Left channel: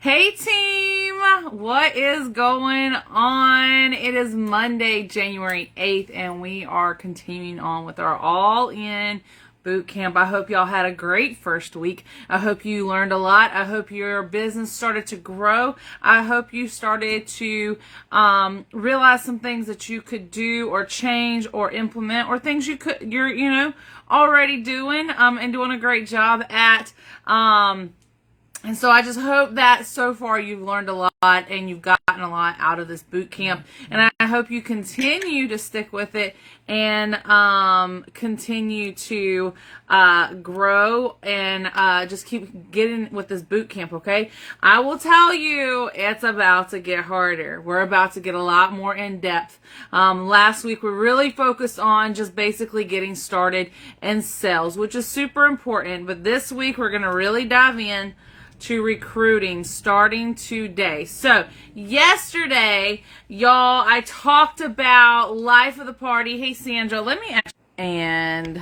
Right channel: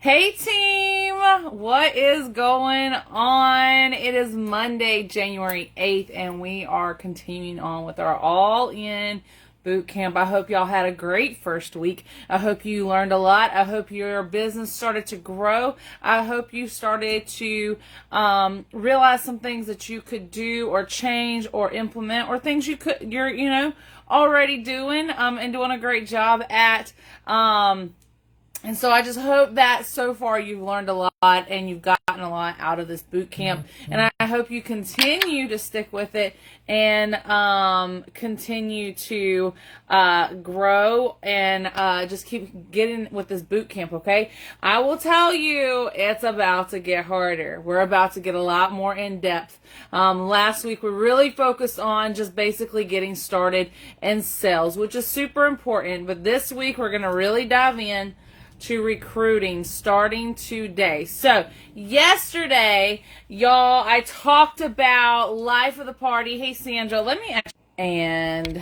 Hey team, what is going on? It is Monday, January 8th, and we are continuing on with our all-in boot camp. I hope y'all had a great first week. I hope you learned a lot. I hope your business started to grow. I hope you started to realize some things that you could do or change or implement, or things you're already doing and doing a great job at. And so I just hope that so far you've learned a lot and you've gotten a lot out of this boot camp. And I hope you continue to stick with it and continue to grow and just keep getting with this boot camp, okay? I will tell you, it's about to get harder. We're about to get a lot more in depth. Last week we really focused on just basically getting started in sales, which is super important. But this week we're going to really dive in to recruiting starting today. So yesterday, y'all, I talked about life of the party. Hey, Sandra, and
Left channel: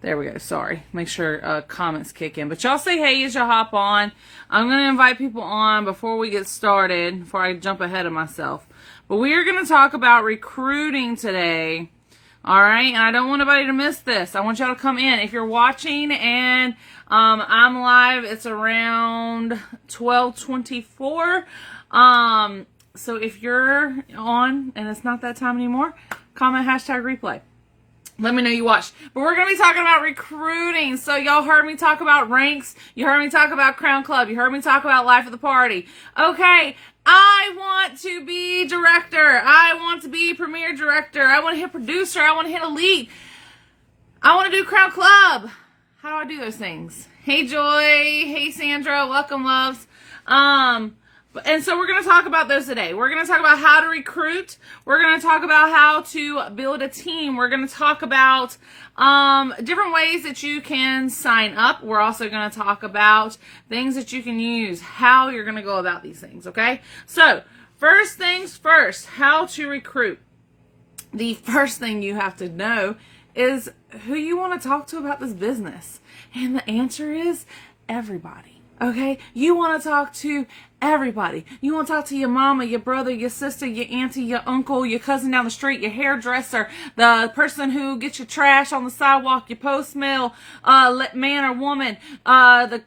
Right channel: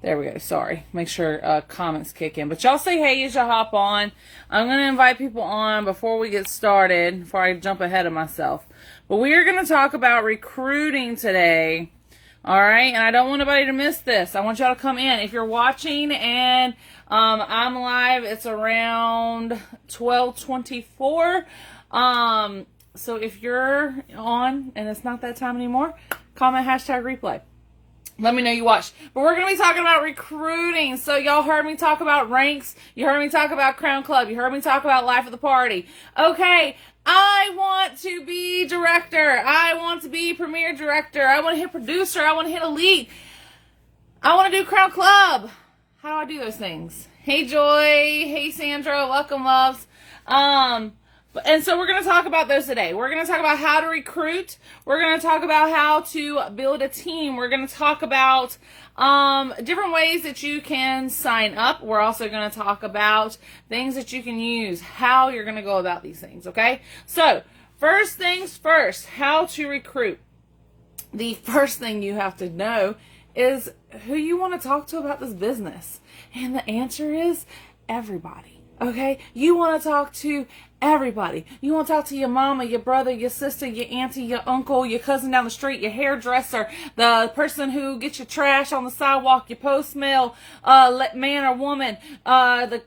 there we go. Sorry. Make sure comments kick in. But y'all say hey as y'all hop on. I'm going to invite people on before we get started, before I jump ahead of myself. But we are going to talk about recruiting today. All right. And I don't want anybody to miss this. I want y'all to come in. If you're watching and I'm live, it's around 12:24. So if you're on and it's not that time anymore, comment #replay. Let me know you watched. But we're going to be talking about recruiting. So y'all heard me talk about ranks. You heard me talk about Crown Club. You heard me talk about life of the party. Okay. I want to be director. I want to be premier director. I want to hit producer. I want to hit elite. I want to do Crown Club. How do I do those things? Hey, Joy. Hey, Sandra. Welcome, loves. And so we're going to talk about those today. We're going to talk about how to recruit. We're going to talk about how to build a team. We're going to talk about different ways that you can sign up. We're also going to talk about things that you can use, how you're going to go about these things, okay? So first things first, how to recruit. The first thing you have to know is who you want to talk to about this business. And the answer is everybody. Okay? You want to talk to everybody. You want to talk to your mama, your brother, your sister, your auntie, your uncle, your cousin down the street, your hairdresser, the person who gets your trash on the sidewalk, your post mail, man or woman, the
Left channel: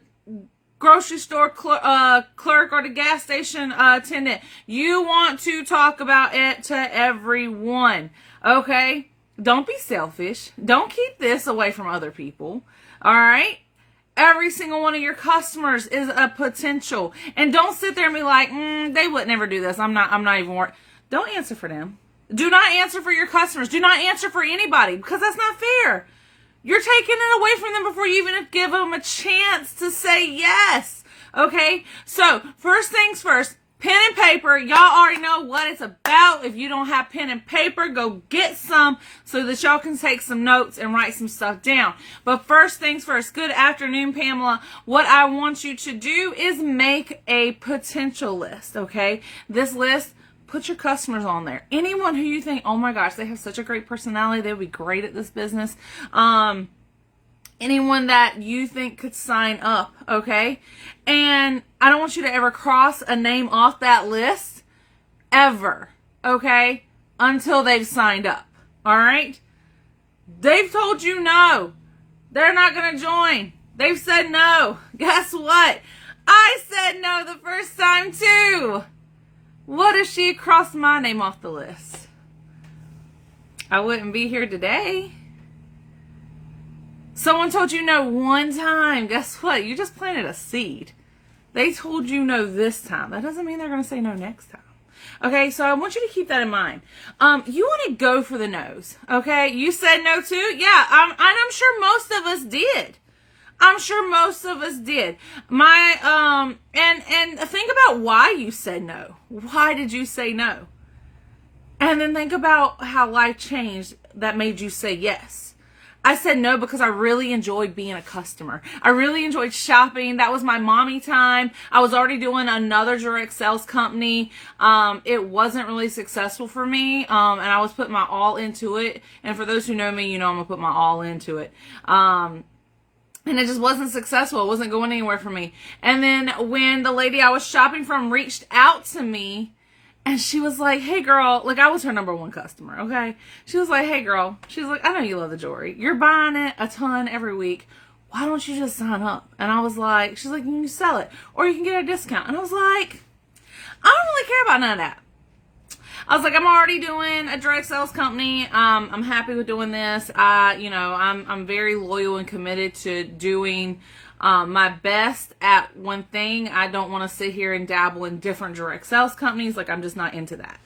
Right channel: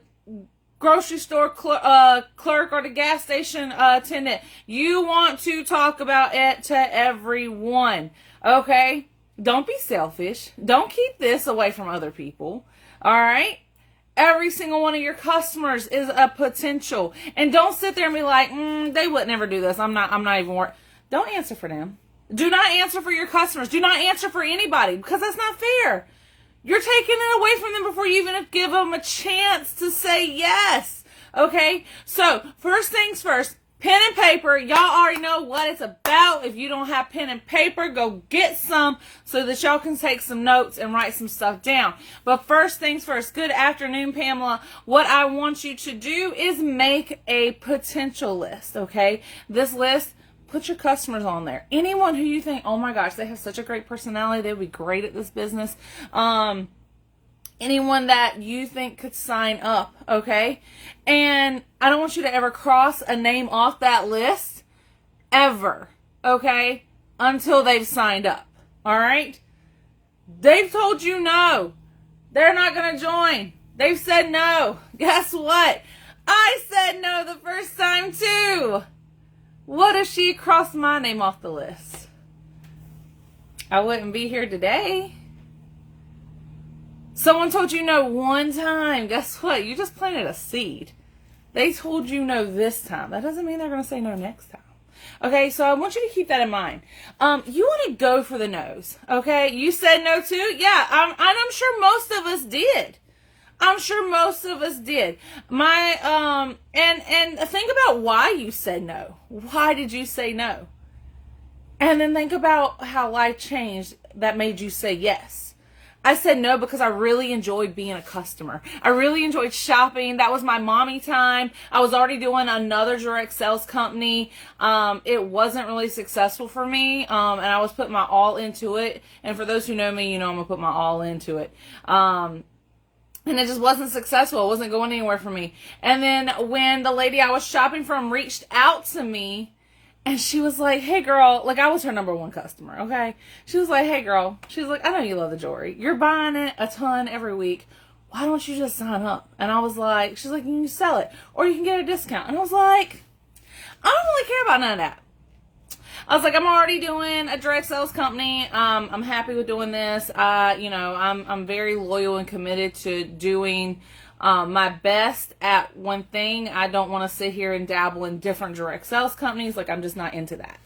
grocery store clerk or the gas station attendant. You want to talk about it to everyone. Okay? Don't be selfish. Don't keep this away from other people. All right? Every single one of your customers is a potential. And don't sit there and be like, they would never do this. I'm not even worried. Don't answer for them. Do not answer for your customers. Do not answer for anybody, because that's not fair. You're taking it away from them before you even give them a chance to say yes. Okay? So, first things first. Pen and paper, y'all already know what it's about. If you don't have pen and paper, go get some so that y'all can take some notes and write some stuff down. But first things first, good afternoon, Pamela. What I want you to do is make a potential list, okay? This list, put your customers on there. Anyone who you think, oh my gosh, they have such a great personality, they would be great at this business. Anyone that you think could sign up, okay? And I don't want you to ever cross a name off that list, ever, okay? Until they've signed up, all right? They've told you no. They're not going to join. They've said no. Guess what? I said no the first time too. What if she crossed my name off the list? I wouldn't be here today. Someone told you no one time. Guess what? You just planted a seed. They told you no this time. That doesn't mean they're going to say no next time. Okay, so I want you to keep that in mind. You want to go for the no's. Okay, you said no too? Yeah, I'm sure most of us did. I'm sure most of us did. And think about why you said no. Why did you say no? And then think about how life changed that made you say yes. I said no because I really enjoyed being a customer. I really enjoyed shopping. That was my mommy time. I was already doing another direct sales company. It wasn't really successful for me. And I was putting my all into it. And for those who know me, you know I'm going to put my all into it. And it just wasn't successful. It wasn't going anywhere for me. And then when the lady I was shopping from reached out to me, and she was like, hey girl, like I was her number one customer, okay? She was like, hey girl, she was like, I know you love the jewelry. You're buying it a ton every week. Why don't you just sign up? And I was like, she's like, you can sell it or you can get a discount. And I was like, I don't really care about none of that. I was like, I'm already doing a direct sales company. I'm happy with doing this. I'm very loyal and committed to doing my best at one thing. I don't want to sit here and dabble in different direct sales companies. Like, I'm just not into that.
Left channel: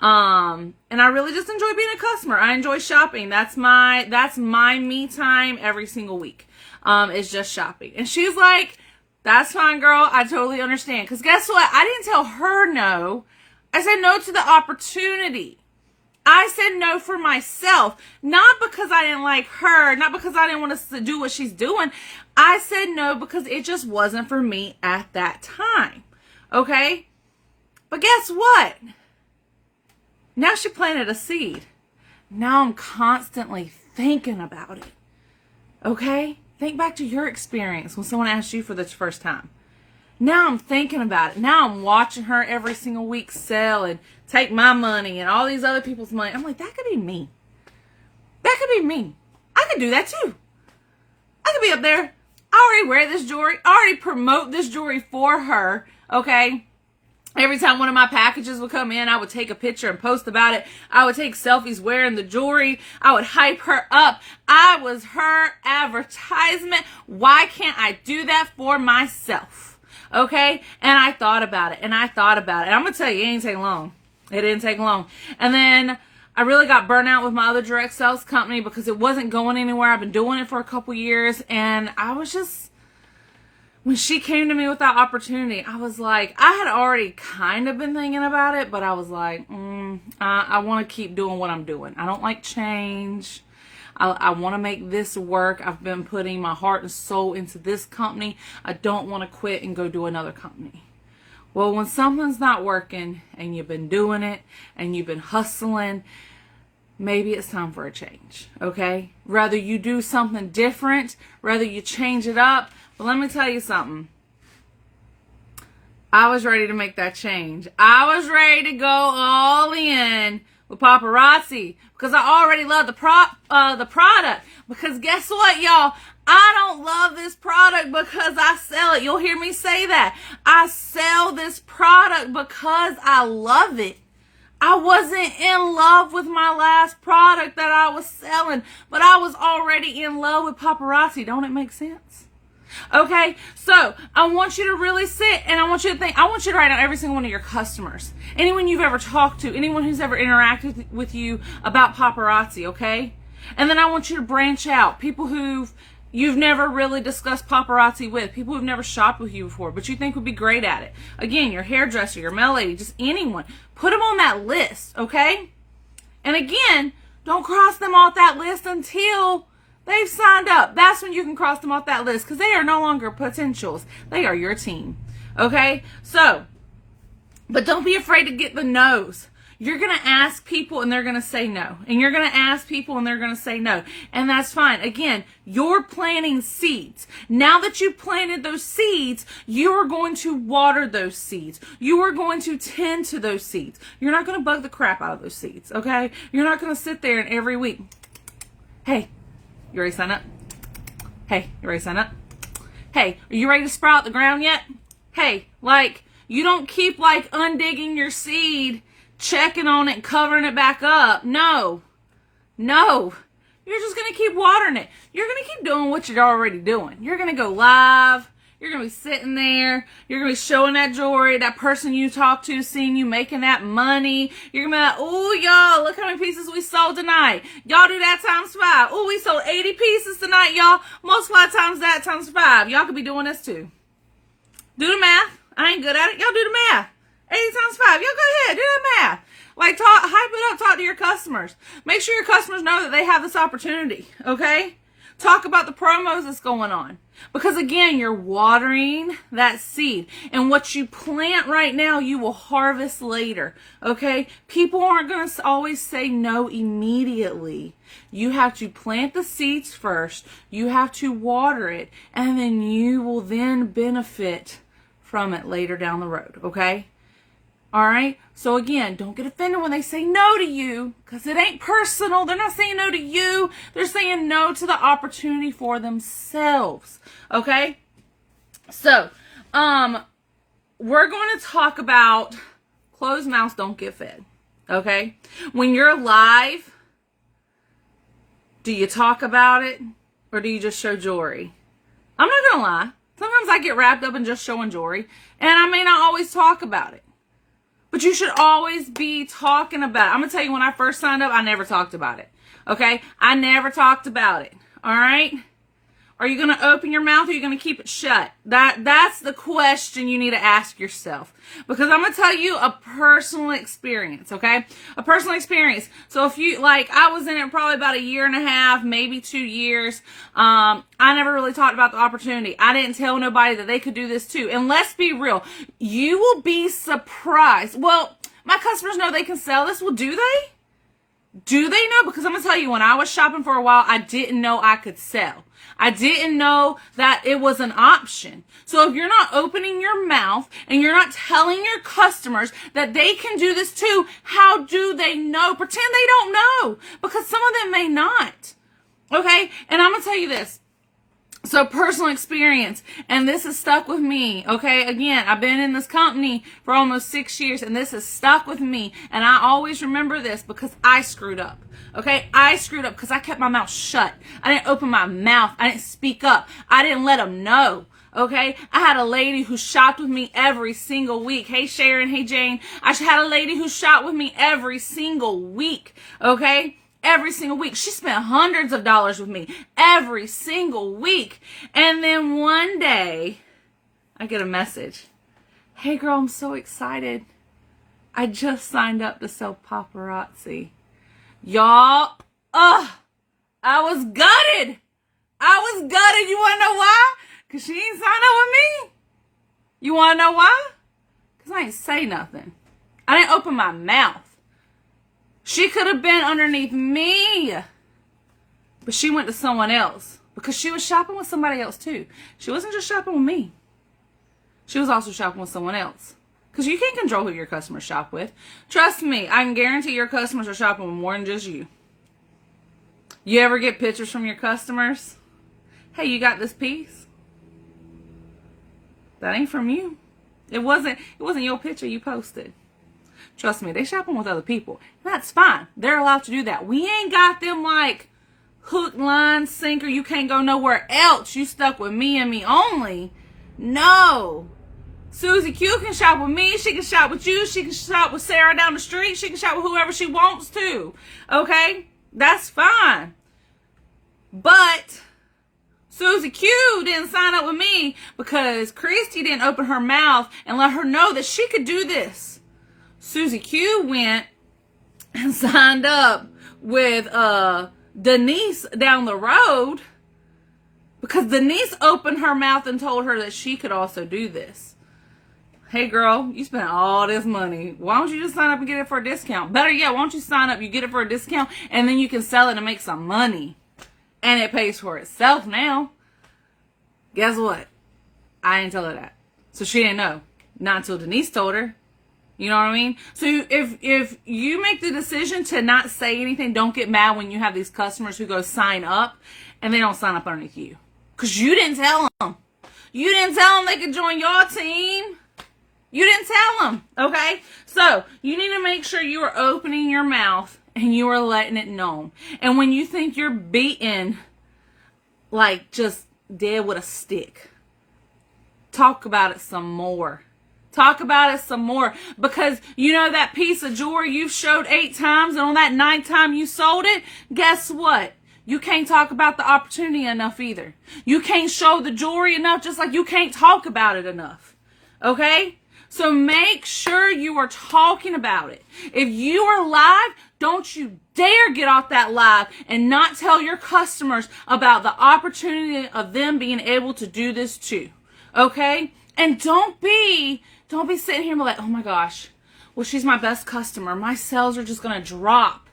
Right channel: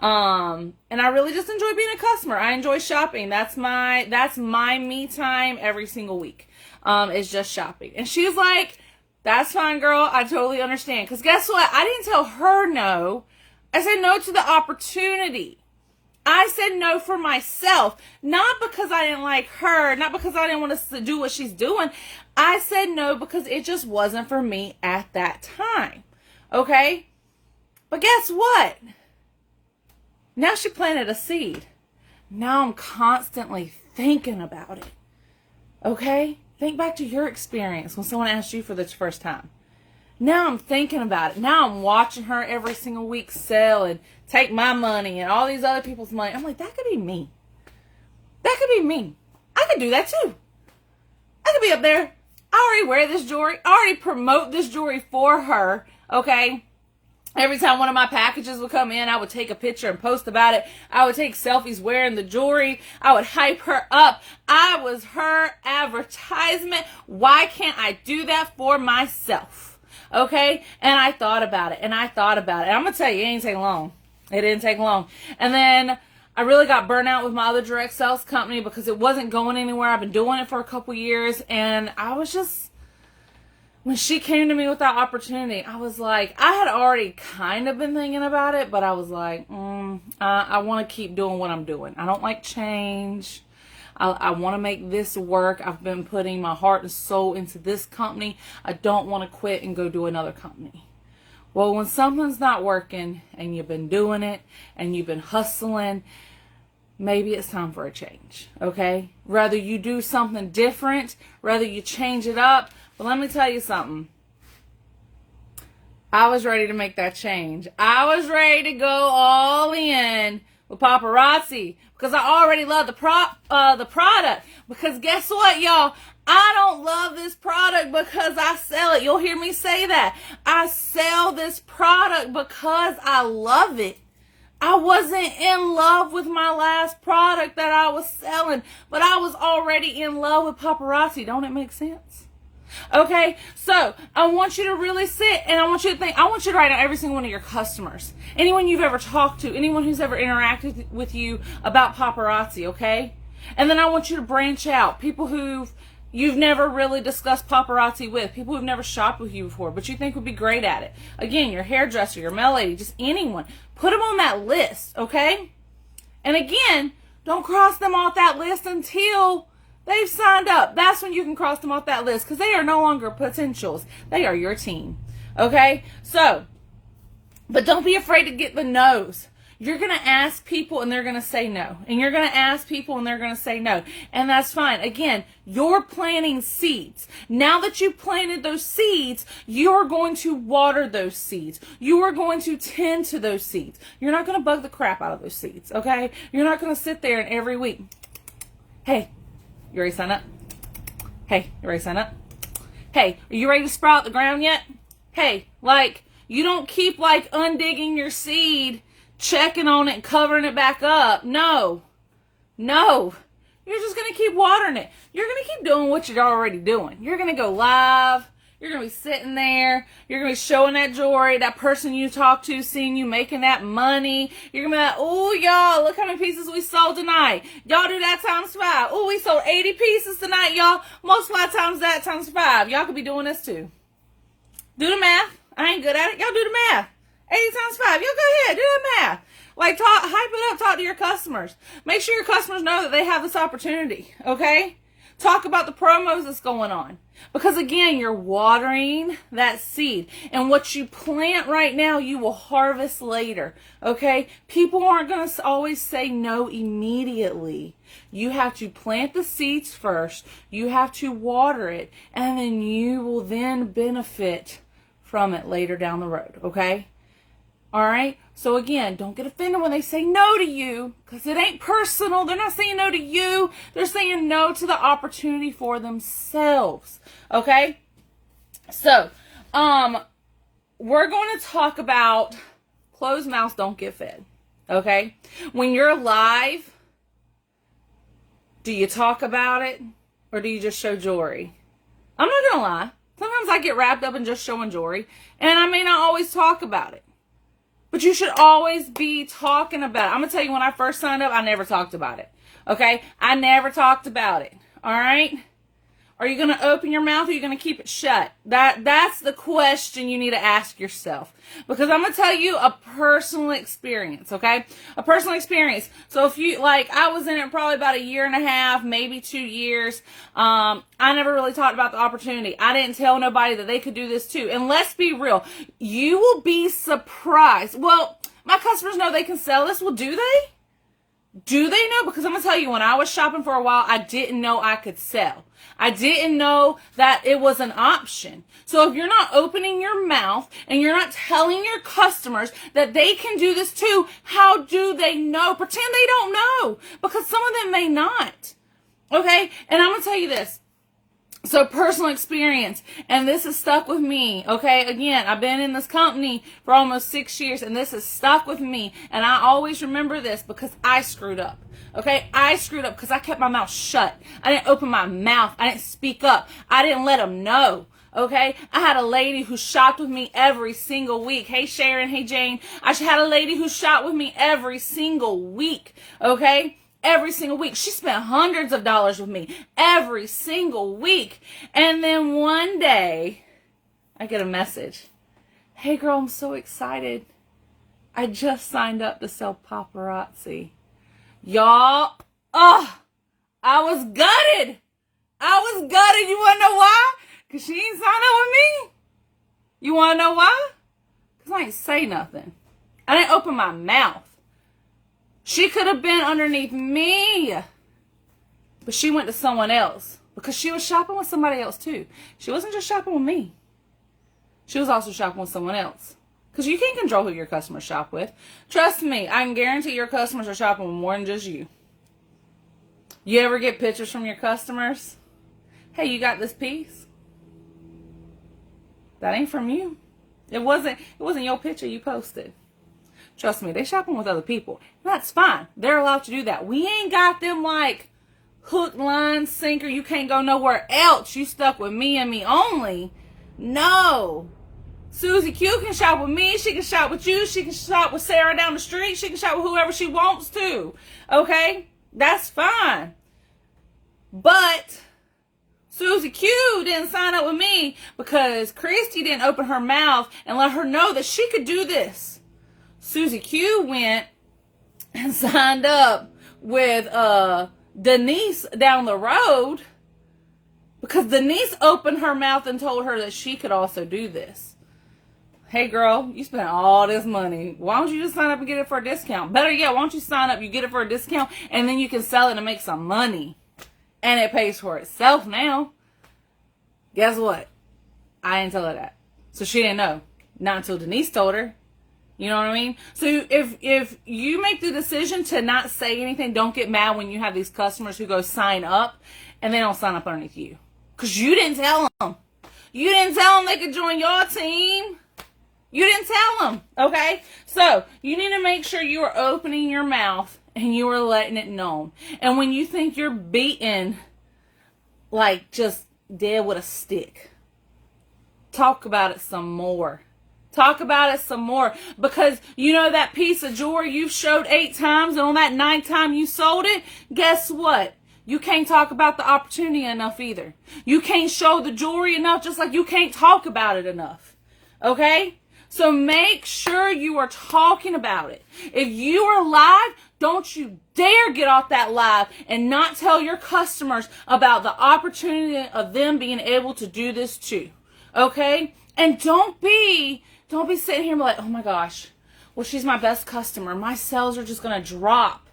And I really just enjoy being a customer. I enjoy shopping. That's my me time every single week. Is just shopping. And she's like, that's fine, girl. I totally understand. Because guess what? I didn't tell her no. I said no to the opportunity. I said no for myself. Not because I didn't like her. Not because I didn't want to do what she's doing. I said no because it just wasn't for me at that time. Okay? But guess what? Now she planted a seed. Now I'm constantly thinking about it. Okay? Think back to your experience when someone asked you for the first time. Now I'm thinking about it. Now I'm watching her every single week sell and take my money and all these other people's money. I'm like, that could be me. That could be me. I could do that too. I could be up there. I already wear this jewelry. I already promote this jewelry for her. Okay? Every time one of my packages would come in, I would take a picture and post about it. I would take selfies wearing the jewelry. I would hype her up. I was her advertisement. Why can't I do that for myself? Okay? And I thought about it. And I'm going to tell you, it didn't take long. It didn't take long. And then I really got burnt out with my other direct sales company because it wasn't going anywhere. I've been doing it for a couple years. And I was just, when she came to me with that opportunity, I was like, I had already kind of been thinking about it, but I was like, I want to keep doing what I'm doing. I don't like change. I want to make this work. I've been putting my heart and soul into this company. I don't want to quit and go do another company. Well, when something's not working and you've been doing it and you've been hustling, maybe it's time for a change, okay? Rather you do something different, rather you change it up. But let me tell you something. I was ready to make that change. I was ready to go all in with Paparazzi because I already love the product. Because guess what, y'all? I don't love this product because I sell it. You'll hear me say that. I sell this product because I love it. I wasn't in love with my last product that I was selling, but I was already in love with Paparazzi. Don't it make sense? Okay, so I want you to really sit and I want you to think, I want you to write down every single one of your customers, anyone you've ever talked to, anyone who's ever interacted with you about Paparazzi, okay? And then I want you to branch out, people you've never really discussed Paparazzi with, people who've never shopped with you before, but you think would be great at it. Again, your hairdresser, your mail lady, just anyone. Put them on that list, okay? And again, don't cross them off that list until they've signed up. That's when you can cross them off that list because they are no longer potentials. They are your team. Okay? So, but don't be afraid to get the no's. You're going to ask people and they're going to say no. And you're going to ask people and they're going to say no. And that's fine. Again, you're planting seeds. Now that you've planted those seeds, you're going to water those seeds. You are going to tend to those seeds. You're not going to bug the crap out of those seeds. Okay? You're not going to sit there and every week, hey, you ready to sign up? Hey, you ready to sign up? Hey, are you ready to sprout the ground yet? Hey, like, you don't keep, like, undigging your seed, checking on it, and covering it back up. No. No. You're just going to keep watering it. You're going to keep doing what you're already doing. You're going to go live. You're going to be sitting there. You're going to be showing that jewelry, that person you talk to, seeing you making that money. You're going to be like, oh, y'all, look how many pieces we sold tonight. Y'all do that times 5. Oh, we sold 80 pieces tonight, y'all. Multiply times that times 5. Y'all could be doing this too. Do the math. I ain't good at it. Y'all do the math. 80 times 5. Y'all go ahead. Do that math. Like, hype it up. Talk to your customers. Make sure your customers know that they have this opportunity, okay? Talk about the promos that's going on. Because again, you're watering that seed. And what you plant right now, you will harvest later. Okay? People aren't going to always say no immediately. You have to plant the seeds first. You have to water it. And then you will then benefit from it later down the road. Okay? All right? So again, don't get offended when they say no to you, because it ain't personal. They're not saying no to you. They're saying no to the opportunity for themselves. Okay? So, we're going to talk about closed mouths don't get fed. Okay? When you're live, do you talk about it or do you just show jewelry? I'm not going to lie. Sometimes I get wrapped up in just showing jewelry, and I may not always talk about it. But you should always be talking about it. I'm going to tell you, when I first signed up, I never talked about it. Okay? I never talked about it. All right? Are you going to open your mouth or are you going to keep it shut? That's the question you need to ask yourself. Because I'm going to tell you a personal experience, okay? A personal experience. So if you, like, I was in it probably about a year and a half, maybe 2 years. I never really talked about the opportunity. I didn't tell nobody that they could do this too. And let's be real. You will be surprised. Well, my customers know they can sell this. Well, do they? Do they know? Because I'm going to tell you, when I was shopping for a while, I didn't know I could sell. I didn't know that it was an option. So if you're not opening your mouth and you're not telling your customers that they can do this too, how do they know? Pretend they don't know, because some of them may not. Okay? And I'm going to tell you this. So personal experience, and this has stuck with me, okay? Again, I've been in this company for almost 6 years, and this has stuck with me, and I always remember this because I screwed up, okay? I screwed up because I kept my mouth shut. I didn't open my mouth. I didn't speak up. I didn't let them know, okay? I had a lady who shopped with me every single week. Hey, Sharon. Hey, Jane. I had a lady who shopped with me every single week, okay? Every single week. She spent hundreds of dollars with me every single week. And then one day, I get a message. Hey, girl, I'm so excited. I just signed up to sell Paparazzi. Y'all, I was gutted. I was gutted. You want to know why? Because she ain't signed up with me. You want to know why? Because I ain't say nothing. I didn't open my mouth. She could have been underneath me, but she went to someone else because she was shopping with somebody else too. She wasn't just shopping with me. She was also shopping with someone else, because you can't control who your customers shop with. Trust me, I can guarantee your customers are shopping with more than just you. You ever get pictures from your customers? Hey, you got this piece? That ain't from you. It wasn't your picture you posted. Trust me, they shopping with other people. That's fine. They're allowed to do that. We ain't got them like hook, line, sinker. You can't go nowhere else. You stuck with me and me only. No. Susie Q can shop with me. She can shop with you. She can shop with Sarah down the street. She can shop with whoever she wants to. Okay? That's fine. But Susie Q didn't sign up with me because Christy didn't open her mouth and let her know that she could do this. Susie Q went and signed up with Denise down the road because Denise opened her mouth and told her that she could also do this. Hey girl, you spent all this money. Why don't you just sign up and get it for a discount? Better yet, why don't you sign up, you get it for a discount, and then you can sell it and make some money. And it pays for itself now. Guess what? I didn't tell her that. So she didn't know. Not until Denise told her. You know what I mean? So if you make the decision to not say anything, don't get mad when you have these customers who go sign up and they don't sign up underneath you. Because you didn't tell them. You didn't tell them they could join your team. You didn't tell them. Okay? So you need to make sure you are opening your mouth and you are letting it known. And when you think you're beaten, like just dead with a stick, talk about it some more. Talk about it some more, because you know that piece of jewelry you showed 8 times and on that 9th time you sold it, guess what? You can't talk about the opportunity enough either. You can't show the jewelry enough, just like you can't talk about it enough. Okay? So make sure you are talking about it. If you are live, Don't you dare get off that live and not tell your customers about the opportunity of them being able to do this too. Okay? And don't be sitting here and be like, oh my gosh, well, she's my best customer. My sales are just going to drop.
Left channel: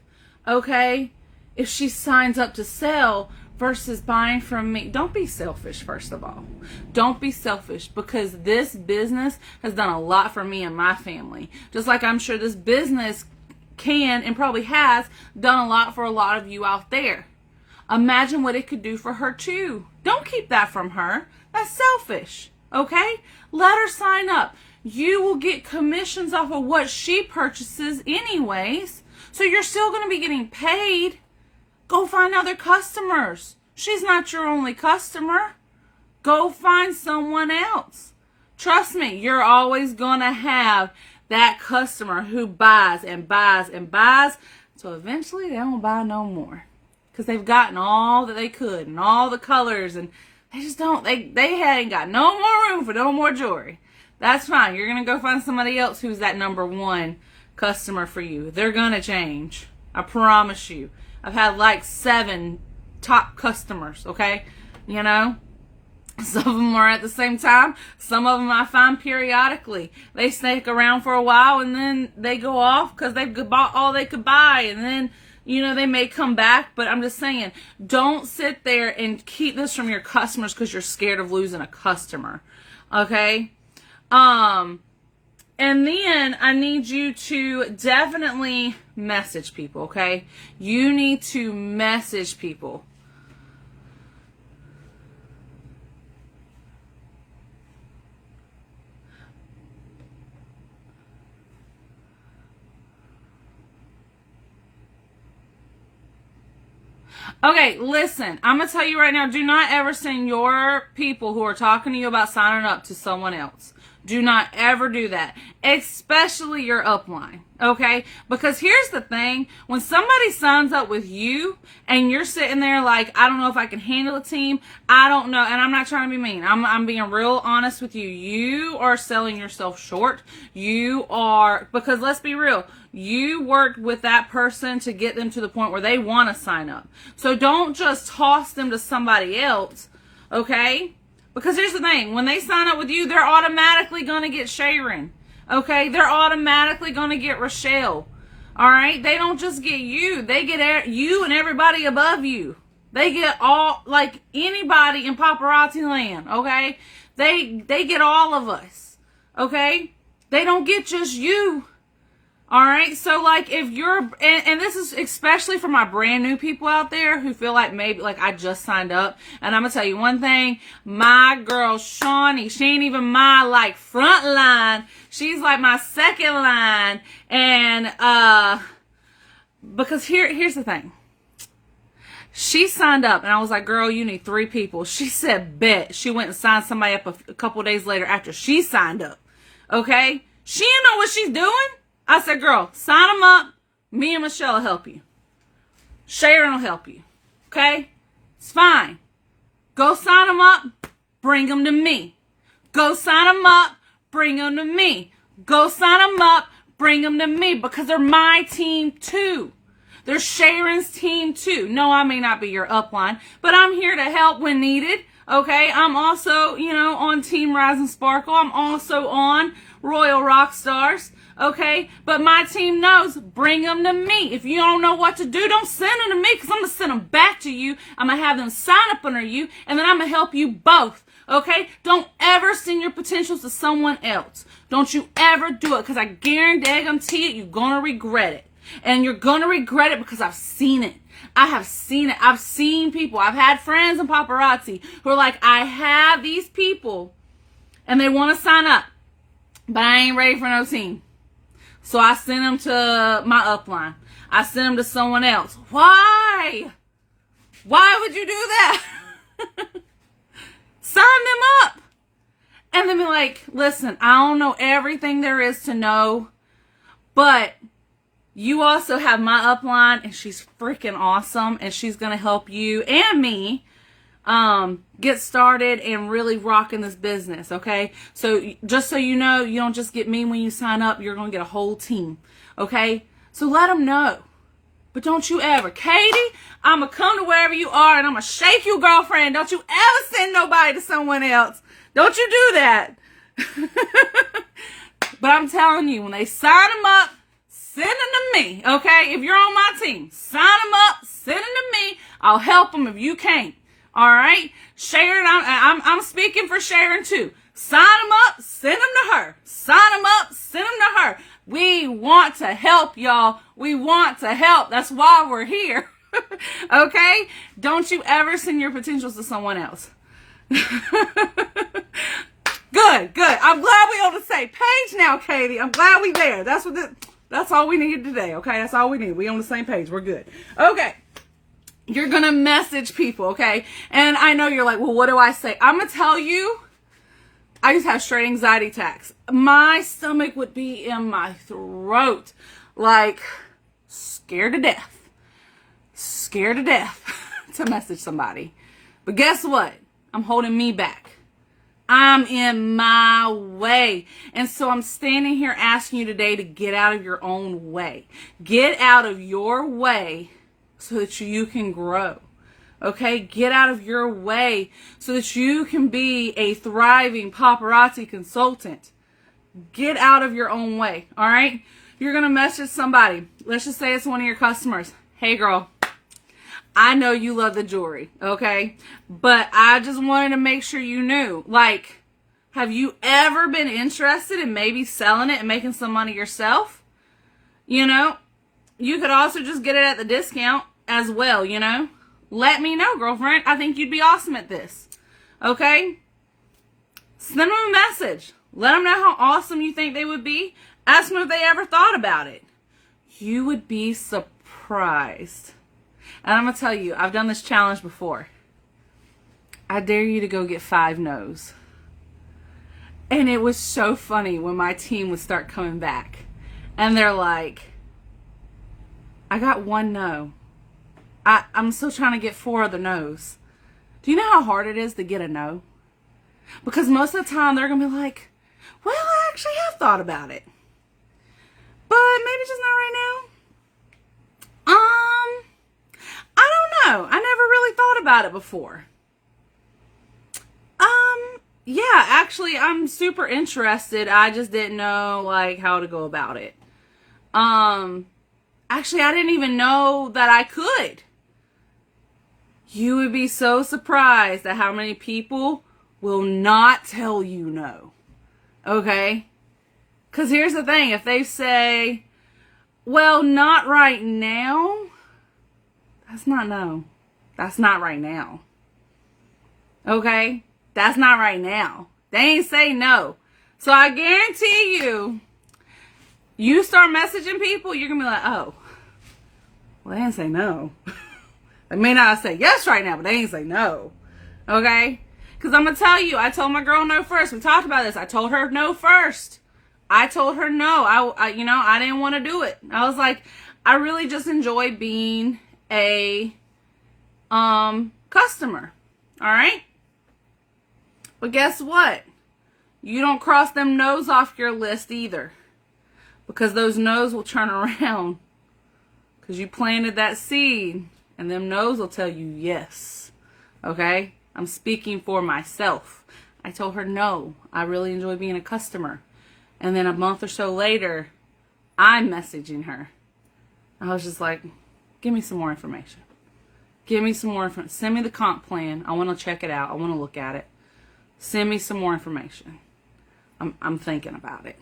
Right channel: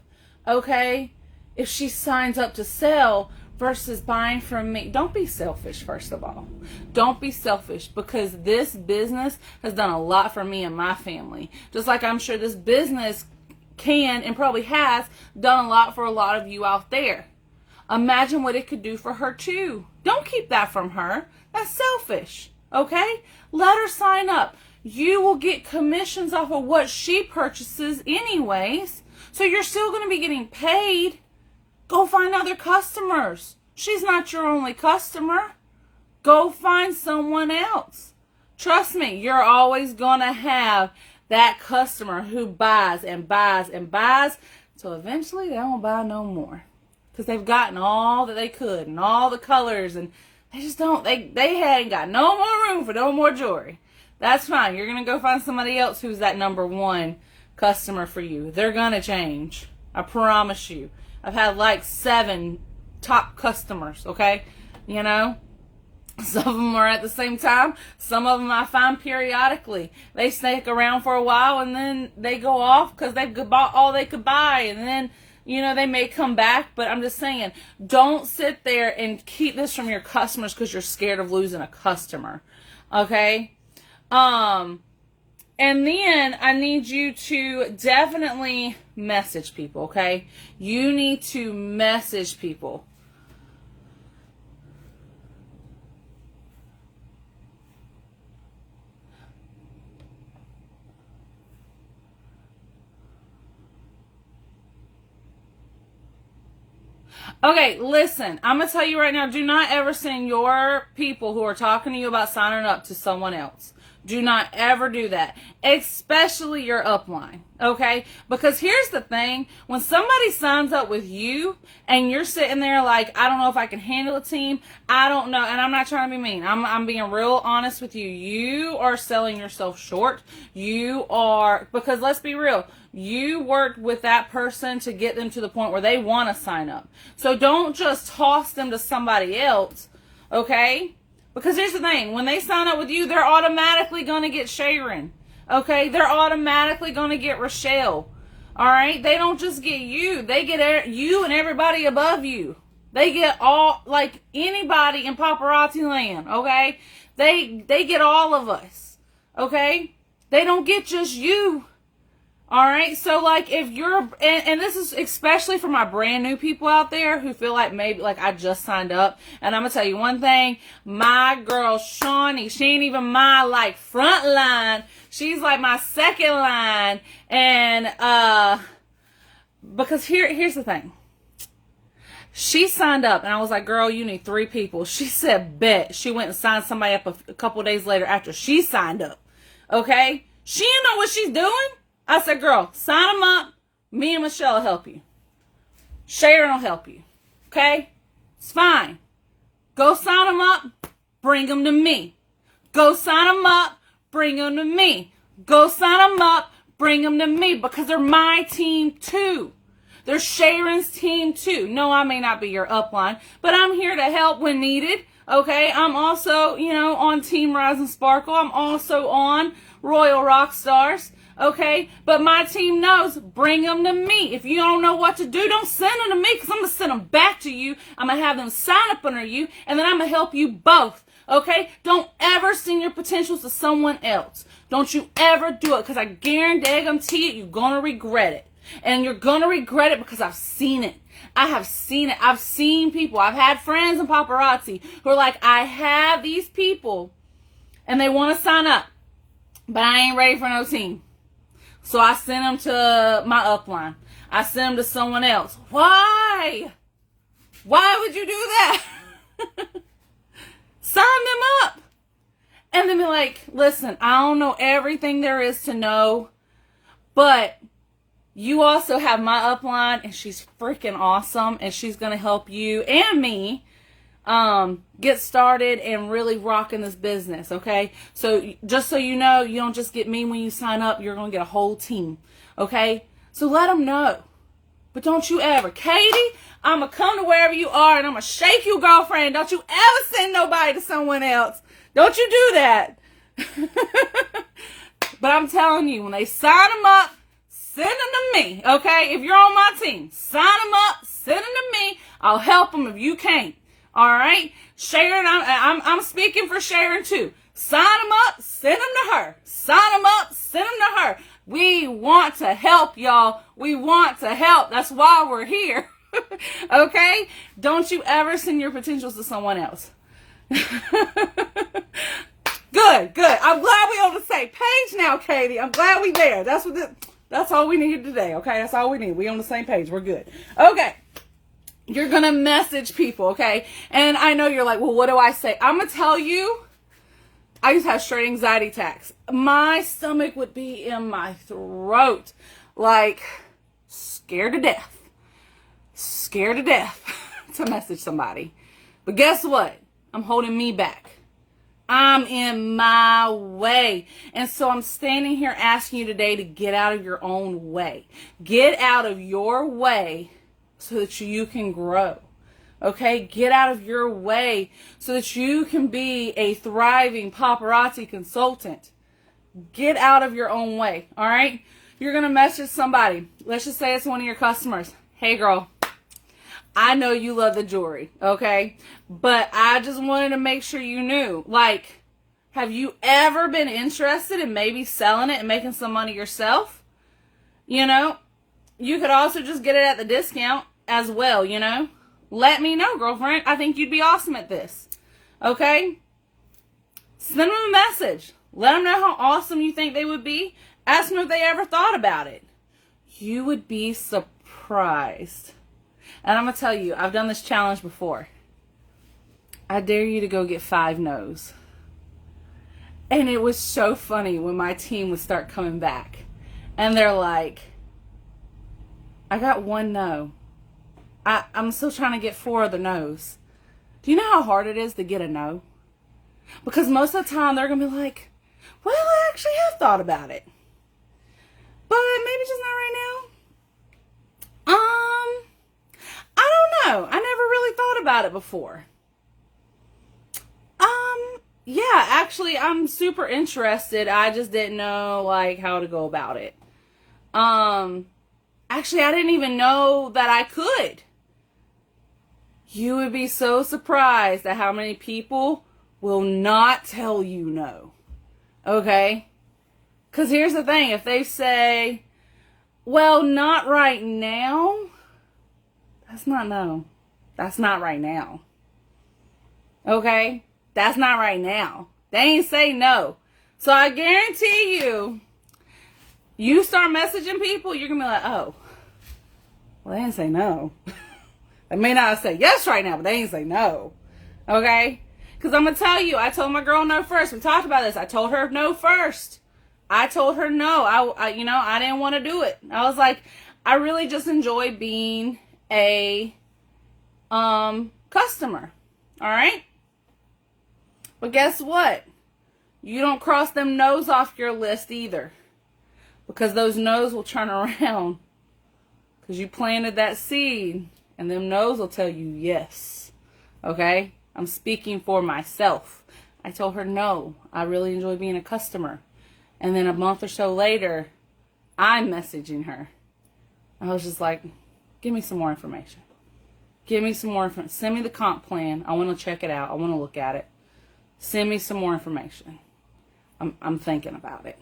Okay? If she signs up to sell versus buying from me. Don't be selfish, first of all. Don't be selfish, because this business has done a lot for me and my family. Just like I'm sure this business can and probably has done a lot for a lot of you out there. Imagine what it could do for her too. Don't keep that from her. That's selfish. Okay? Let her sign up. You will get commissions off of what she purchases anyways. So you're still going to be getting paid. Go find other customers. She's not your only customer. Go find someone else. Trust me, you're always going to have that customer who buys and buys and buys. So eventually they won't buy no more. Because they've gotten all that they could and all the colors. And they just don't, they ain't got no more room for no more jewelry. That's fine. You're going to go find somebody else who's that number one customer for you. They're going to change. I promise you. I've had like 7 top customers, okay? You know? Some of them are at the same time. Some of them I find periodically. They stick around for a while and then they go off because they've bought all they could buy. And then, you know, they may come back. But I'm just saying, don't sit there and keep this from your customers because you're scared of losing a customer, okay? And then I need you to definitely message people, okay? You need to message people. Okay, listen, I'm going to tell you right now, do not ever send your people who are talking to you about signing up to someone else. Do not ever do that, especially your upline, okay? Because here's the thing, when somebody signs up with you and you're sitting there like, I don't know if I can handle a team, I don't know, and I'm not trying to be mean. I'm being real honest with you. You are selling yourself short. You are, because let's be real, you worked with that person to get them to the point where they want to sign up. So don't just toss them to somebody else, okay? Because here's the thing, when they sign up with you, they're automatically going to get Sharon, okay? They're automatically going to get Rochelle, all right? They don't just get you. They get you and everybody above you. They get all, like anybody in paparazzi land, okay? They get all of us, okay? They don't get just you. All right, so like if you're, and this is especially for my brand new people out there who feel like maybe like I just signed up, and I'm gonna tell you one thing, my girl Shawnee, she ain't even my like front line, she's like my second line, and because here's the thing, she signed up and I was like, girl, you need 3 people. She said bet. She went and signed somebody up a couple days later after she signed up, okay? She didn't know what she's doing. I said, girl, sign them up. Me and Michelle will help you. Sharon will help you. Okay? It's fine. Go sign them up. Bring them to me. Go sign them up. Bring them to me. Go sign them up. Bring them to me. Because they're my team too. They're Sharon's team too. No, I may not be your upline, but I'm here to help when needed. Okay? I'm also, you know, on Team Rise and Sparkle. I'm also on Royal Rock Stars. Okay, but my team knows, bring them to me. If you don't know what to do, don't send them to me, because I'm going to send them back to you. I'm going to have them sign up under you, and then I'm going to help you both. Okay, don't ever send your potentials to someone else. Don't you ever do it, because I guarantee it, you're going to regret it. And you're going to regret it because I've seen it. I have seen it. I've seen people. I've had friends in paparazzi who are like, I have these people, and they want to sign up, but I ain't ready for no team. So I sent them to my upline. I sent them to someone else. Why? Why would you do that? Sign them up. And then be like, listen, I don't know everything there is to know, but you also have my upline, and she's freaking awesome, and she's going to help you and me get started and really rock in this business, okay? So just so you know, you don't just get me when you sign up, you're going to get a whole team, okay? So let them know, But don't you ever, Katie, I'm going to come to wherever you are and I'm going to shake you, girlfriend. Don't you ever send nobody to someone else. Don't you do that. But I'm telling you, when they sign them up, send them to me, okay? If you're on my team, sign them up, send them to me. I'll help them if you can't, all right? Sharon, I'm speaking for Sharon too. Sign them up, send them to her. Sign them up, send them to her. We want to help, y'all. We want to help. That's why we're here, okay? Don't you ever send your potentials to someone else. Good. I'm glad we on the same page now, Katie. I'm glad we there. That's all we needed today, okay? That's all we need. We on the same page. We're good. Okay. You're going to message people, okay? And I know you're like, well, what do I say? I'm going to tell you, I used to have straight anxiety attacks. My stomach would be in my throat, like scared to death to message somebody. But guess what? I'm holding me back. I'm in my way. And so I'm standing here asking you today to get out of your own way. Get out of your way so that you can grow. Okay? Get out of your way so that you can be a thriving paparazzi consultant. Get out of your own way. All right? You're going to message somebody. Let's just say it's one of your customers. Hey, girl. I know you love the jewelry, okay? But I just wanted to make sure you knew. Like, have you ever been interested in maybe selling it and making some money yourself? You know, you could also just get it at the discount as well, you know? Let me know, girlfriend. I think you'd be awesome at this, okay? Send them a message. Let them know how awesome you think they would be. Ask them if they ever thought about it. You would be surprised. And I'm going to tell you, I've done this challenge before. I dare you to go get 5 no's. And it was so funny when my team would start coming back. And they're like, I got 1 no. I'm still trying to get 4 other no's. Do you know how hard it is to get a no? Because most of the time they're going to be like, well, I actually have thought about it. But maybe just not right now. I don't know. I never really thought about it before. Yeah, actually, I'm super interested. I just didn't know, like, how to go about it. Actually, I didn't even know that I could. You would be so surprised at how many people will not tell you no. Okay? Because here's the thing. If they say, well, not right now, that's not no. That's not right now. Okay? That's not right now. They ain't say no. So I guarantee you, you start messaging people, you're going to be like, oh, well, they didn't say no. They may not say yes right now, but they ain't say no. Okay? Because I'm going to tell you, I told my girl no first. We talked about this. I told her no first. I told her no. I didn't want to do it. I was like, I really just enjoy being a customer. All right? But guess what? You don't cross them no's off your list either. Because those no's will turn around. Because you planted that seed. And them no's will tell you yes. Okay? I'm speaking for myself. I told her no. I really enjoy being a customer. And then a month or so later, I'm messaging her. I was just like, give me some more information. Give me some more information. Send me the comp plan. I want to check it out. I want to look at it. Send me some more information. I'm thinking about it.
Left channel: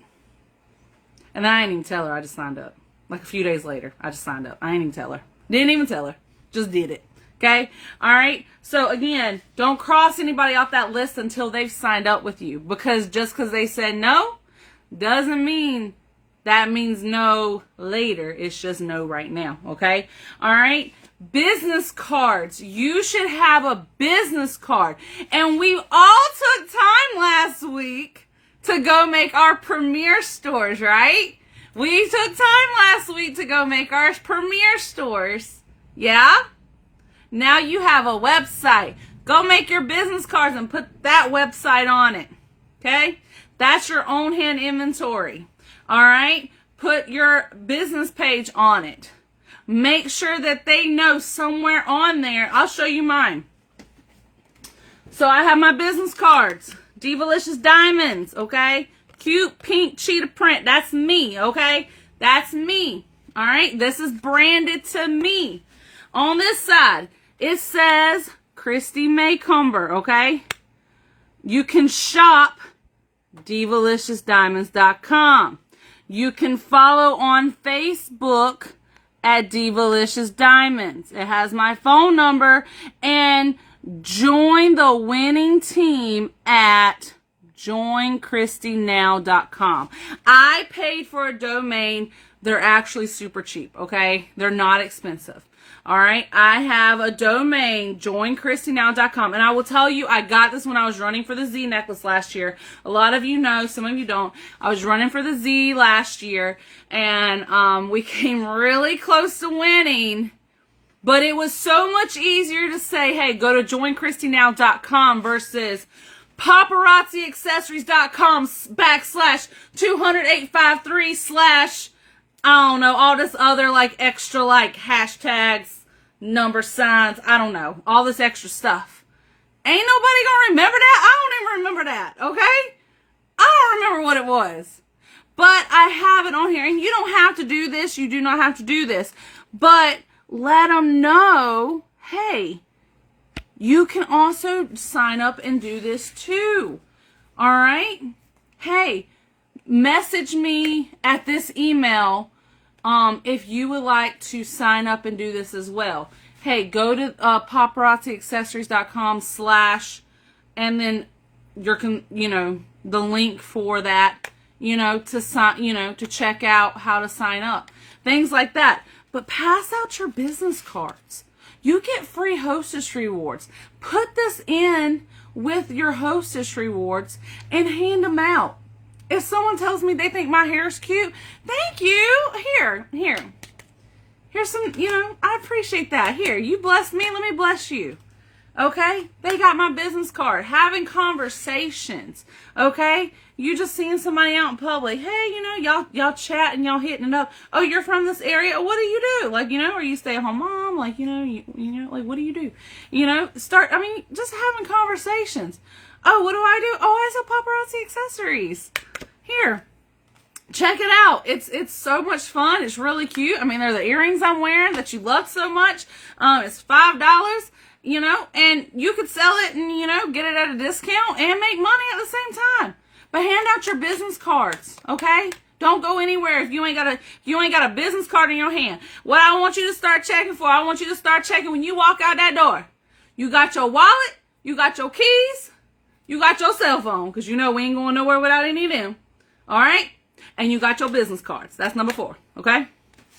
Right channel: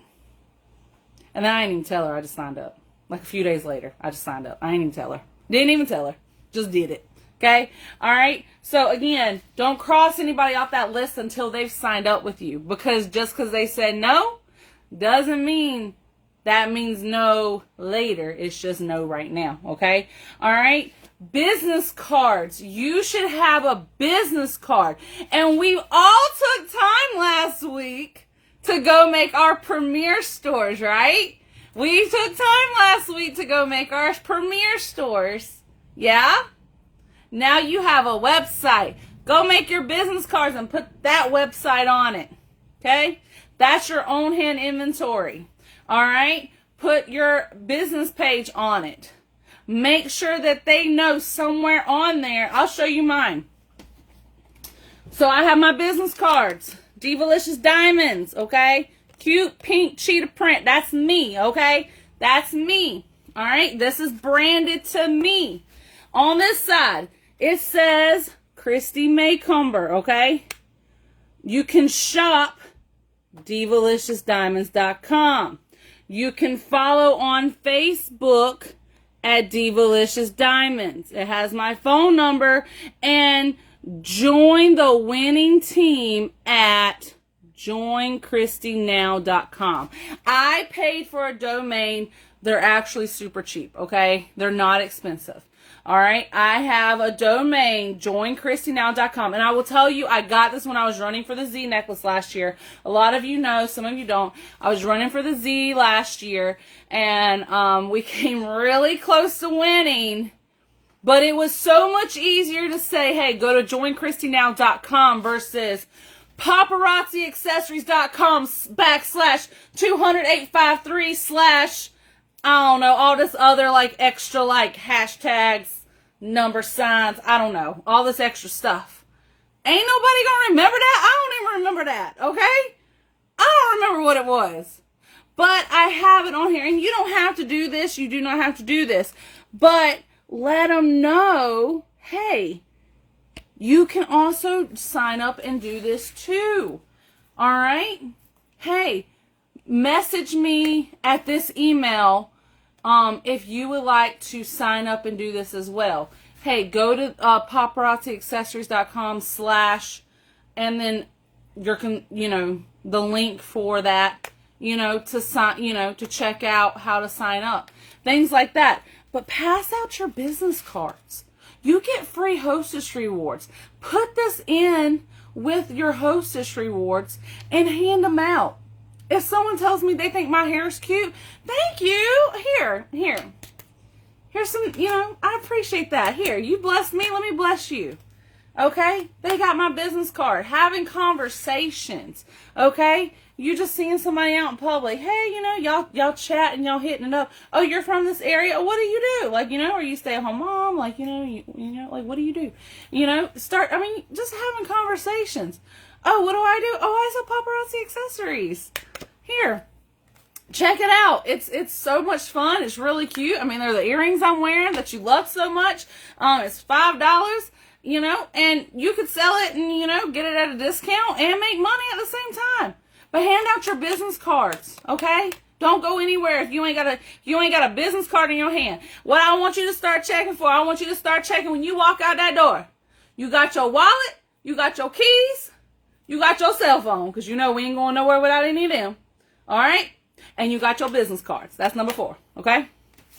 And then I didn't even tell her. I just signed up. Like a few days later, I just signed up. I didn't even tell her. Didn't even tell her. Just did it. Okay? All right? So, again, don't cross anybody off that list until they've signed up with you. Because just because they said no doesn't mean that means no later. It's just no right now. Okay? All right? Business cards. You should have a business card. And we all took time last week to go make our premier stores, right? We took time last week to go make our premier stores. Yeah? Now you have a website. Go make your business cards and put that website on it. Okay? That's your own hand inventory. All right? Put your business page on it. make sure that they know somewhere on there. I'll show you mine. So I have my business cards. Divalicious Diamonds, okay? Cute pink cheetah print. That's me, okay? That's me. All right? This is branded to me. On this side, it says Christy Maycomber, okay? You can shop divaliciousdiamonds.com. You can follow on Facebook at Divalicious Diamonds. It has my phone number, and join the winning team at joinchristynow.com. I paid for a domain. They're actually super cheap, okay? They're not expensive. All right, I have a domain, joinchristynow.com, and I will tell you, I got this when I was running for the Z necklace last year. A lot of you know, some of you don't. I was running for the Z last year, and we came really close to winning, but it was so much easier to say, hey, go to joinchristynow.com versus paparazziaccessories.com /200853/ I don't know, all this other like extra like hashtags, number signs, I don't know, all this extra stuff. Ain't nobody gonna remember that. I don't even remember that, okay? I don't remember what it was. But I have it on here, and you don't have to do this. You do not have to do this. But let them know, hey, you can also sign up and do this too. All right? Hey, message me at this email if you would like to sign up and do this as well. Hey, go to paparazziaccessories.com / and then the link for that, to sign, to check out how to sign up. Things like that. But pass out your business cards. You get free hostess rewards. Put this in with your hostess rewards and hand them out. If someone tells me they think my hair is cute, thank you. Here's some, I appreciate that. Here, you bless me, let me bless you. Okay? They got my business card. Having conversations. Okay? You just seeing somebody out in public. Hey, y'all chat and y'all hitting it up. Oh, you're from this area. What do you do? Like, are you stay-at-home mom? Like, like, what do you do? Just having conversations. Oh, what do I do? Oh, I sell paparazzi accessories. Here, check it out. It's so much fun. It's really cute. They're the earrings I'm wearing that you love so much. It's $5, and you could sell it and, get it at a discount and make money at the same time. But hand out your business cards, okay? Don't go anywhere if you ain't got a business card in your hand. What I want you to start checking for, I want you to start checking when you walk out that door. You got your wallet, you got your keys, you got your cell phone, because we ain't going nowhere without any of them. All right? And you got your business cards. That's number 4, okay?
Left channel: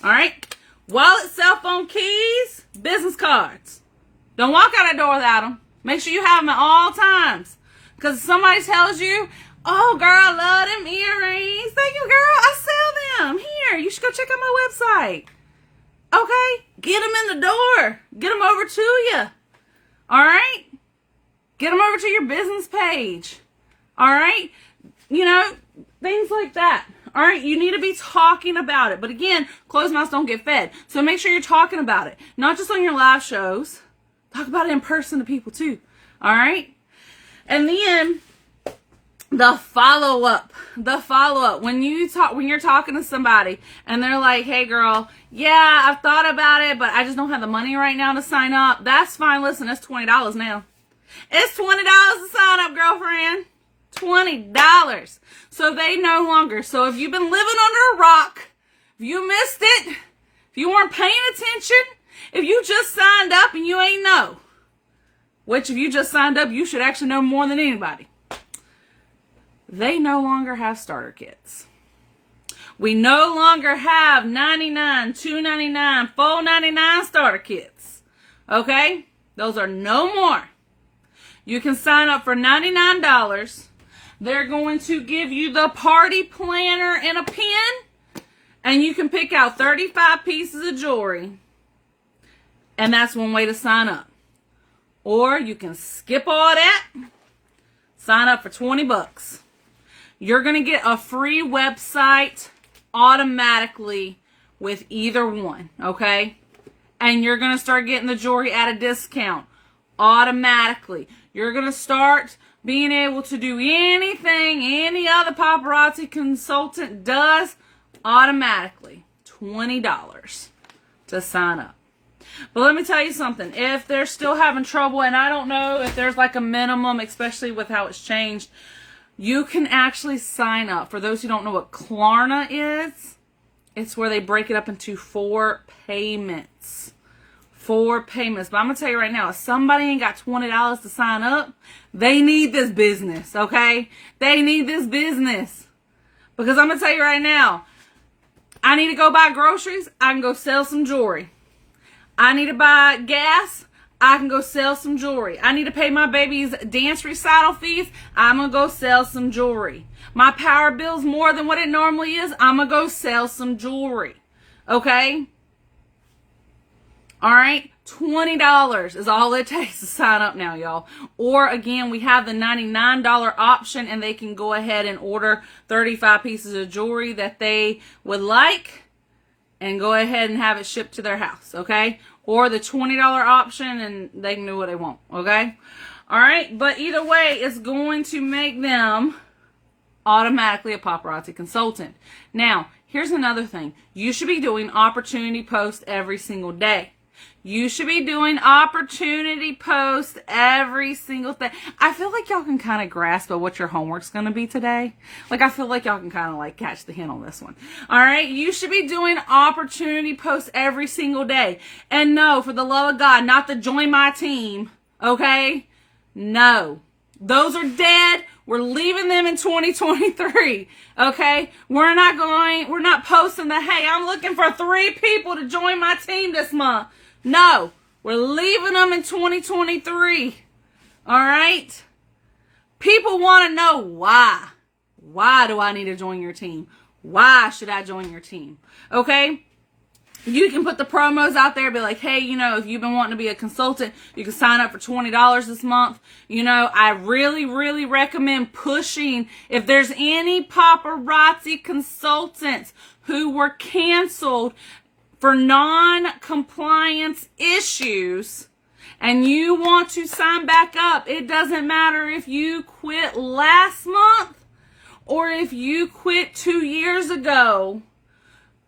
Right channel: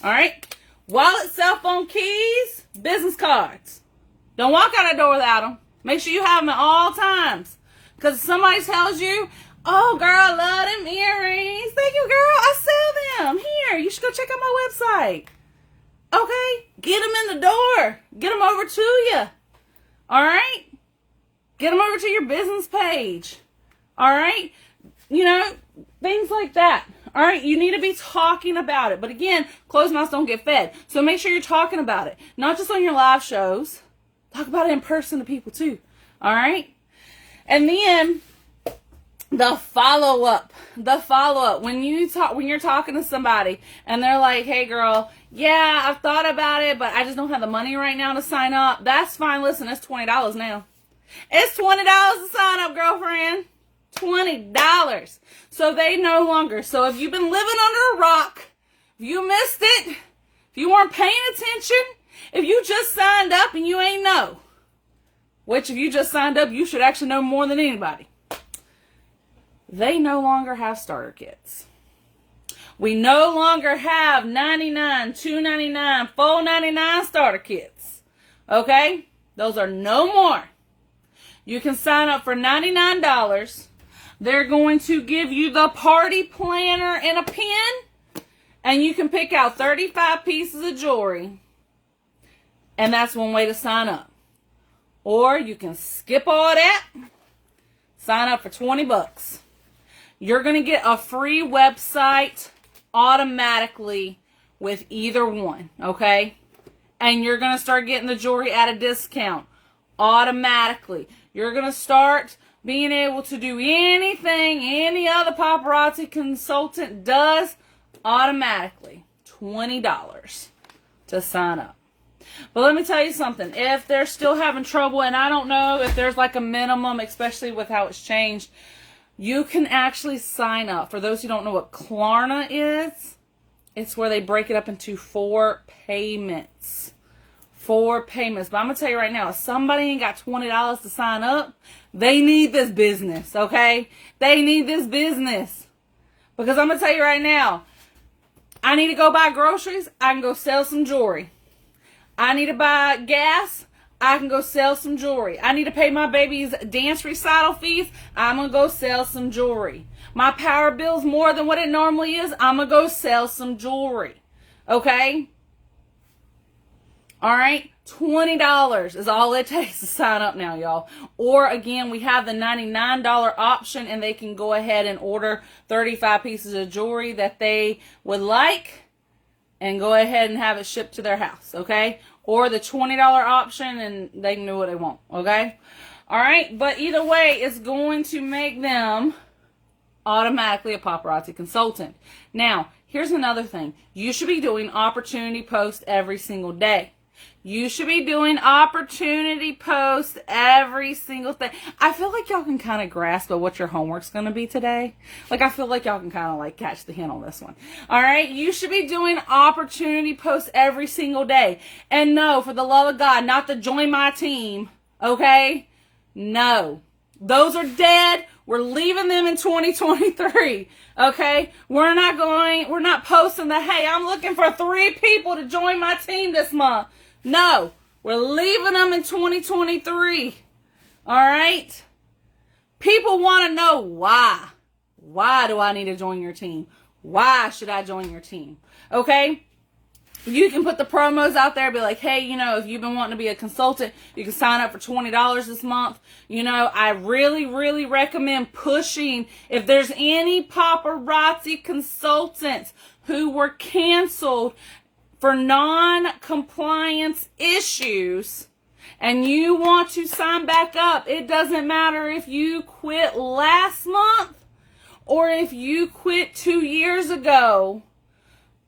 All right? Wallet, cell phone, keys, business cards. Don't walk out that door without them. Make sure you have them at all times. Because if somebody tells you, oh, girl, I love them earrings. Thank you, girl. I sell them. Here, you should go check out my website. Okay? Get them in the door. Get them over to you. All right? Get them over to your business page. All right? Things like that. All right? You need to be talking about it. But again, closed mouths don't get fed. So make sure you're talking about it. Not just on your live shows. Talk about it in person to people too. All right? And then the follow-up. When you're talking to somebody and they're like, hey girl, yeah, I've thought about it, but I just don't have the money right now to sign up. That's fine. Listen, it's $20 now. It's $20 to sign up, girlfriend. $20. So they no longer. So if you've been living under a rock, if you missed it, if you weren't paying attention, if you just signed up and you ain't know, which if you just signed up, you should actually know more than anybody. They no longer have starter kits. We no longer have $99, $2.99, $4.99 starter kits. Okay? Those are no more. You can sign up for $99. They're going to give you the party planner and a pen. And you can pick out 35 pieces of jewelry. And that's one way to sign up. Or you can skip all that. Sign up for $20. You're going to get a free website automatically with either one, okay? And you're going to start getting the jewelry at a discount automatically. You're going to start being able to do anything any other paparazzi consultant does automatically. $20 to sign up. But let me tell you something. If they're still having trouble, and I don't know if there's like a minimum, especially with how it's changed, you can actually sign up. For those who don't know what Klarna is, it's where they break it up into 4 payments. 4 payments. But I'm going to tell you right now, if somebody ain't got $20 to sign up, they need this business, okay? They need this business. Because I'm going to tell you right now, I need to go buy groceries, I can go sell some jewelry. I need to buy gas, I can go sell some jewelry. I need to pay my baby's dance recital fees, I'm going to go sell some jewelry. My power bill's more than what it normally is, I'm going to go sell some jewelry. Okay? Alright? $20 is all it takes to sign up now, y'all. Or, again, we have the $99 option, and they can go ahead and order 35 pieces of jewelry that they would like and go ahead and have it shipped to their house, okay? Or the $20 option, and they can do what they want, okay? Alright? But either way, it's going to make them automatically a paparazzi consultant. Now, here's another thing. You should be doing opportunity posts every single day. You should be doing opportunity posts every single day. I feel like y'all can kind of grasp at what your homework's going to be today. Like, I feel like y'all can kind of like catch the hint on this one. All right? You should be doing opportunity posts every single day. And no, for the love of God, not to join my team. Okay? No. Those are dead. We're leaving them in 2023. Okay? We're not posting that, hey, I'm looking for 3 people to join my team this month. No, we're leaving them in 2023. All right? People want to know why. Why do I need to join your team? Why should I join your team? Okay? You can put the promos out there, be like, hey, you know, if you've been wanting to be a consultant, you can sign up for $20 this month. You know, I really, really recommend pushing, if there's any paparazzi consultants who were canceled for non-compliance issues and you want to sign back up, it doesn't matter if you quit last month or if you quit 2 years ago,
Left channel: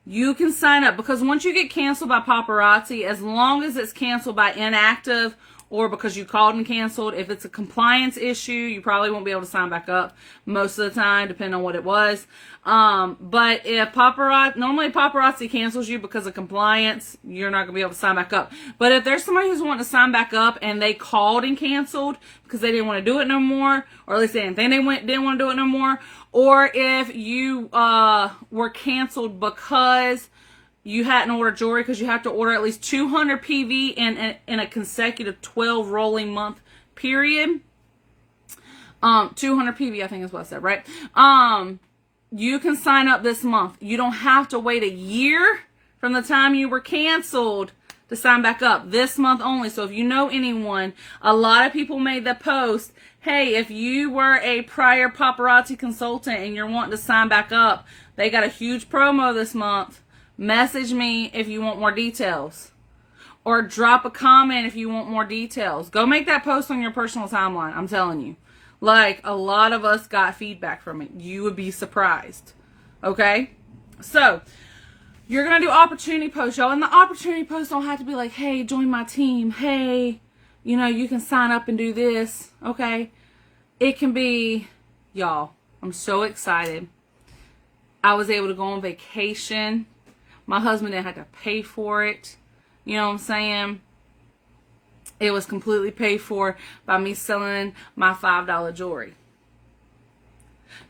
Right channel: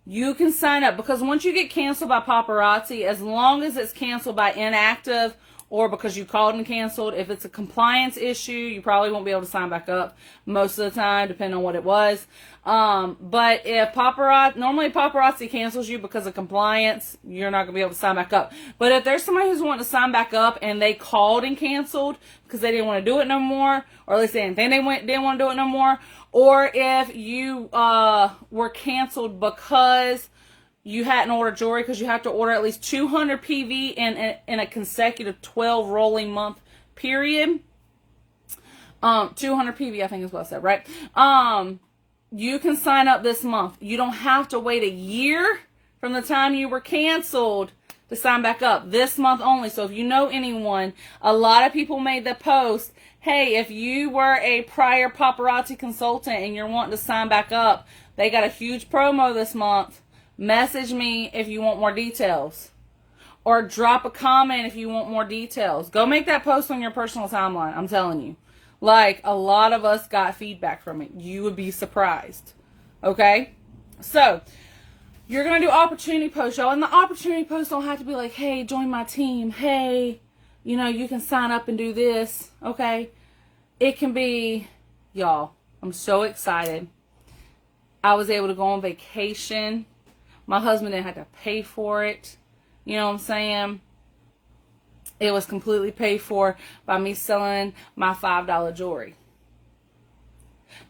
you can sign up. Because once you get canceled by paparazzi, as long as it's canceled by inactive or because you called and canceled, if it's a compliance issue, you probably won't be able to sign back up most of the time, depending on what it was. But if normally paparazzi cancels you because of compliance, you're not going to be able to sign back up. But if there's somebody who's wanting to sign back up and they called and canceled because they didn't want to do it no more, or at least they didn't want to do it no more, or if you were canceled because you hadn't ordered jewelry, because you have to order at least 200 PV in a consecutive 12 rolling month period. 200 PV, I think is what I said, right? You can sign up this month. You don't have to wait a year from the time you were canceled to sign back up. This month only. So if you know anyone, a lot of people made the post, hey, if you were a prior paparazzi consultant and you're wanting to sign back up, they got a huge promo this month. Message me if you want more details. Or drop a comment if you want more details. Go make that post on your personal timeline. I'm telling you. Like, a lot of us got feedback from it. You would be surprised. Okay? So, you're going to do opportunity posts, y'all. And the opportunity posts don't have to be like, hey, join my team. Hey, you know, you can sign up and do this. Okay? It can be, y'all, I'm so excited. I was able to go on vacation. My husband didn't have to pay for it. You know what I'm saying? It was completely paid for by me selling my $5 jewelry.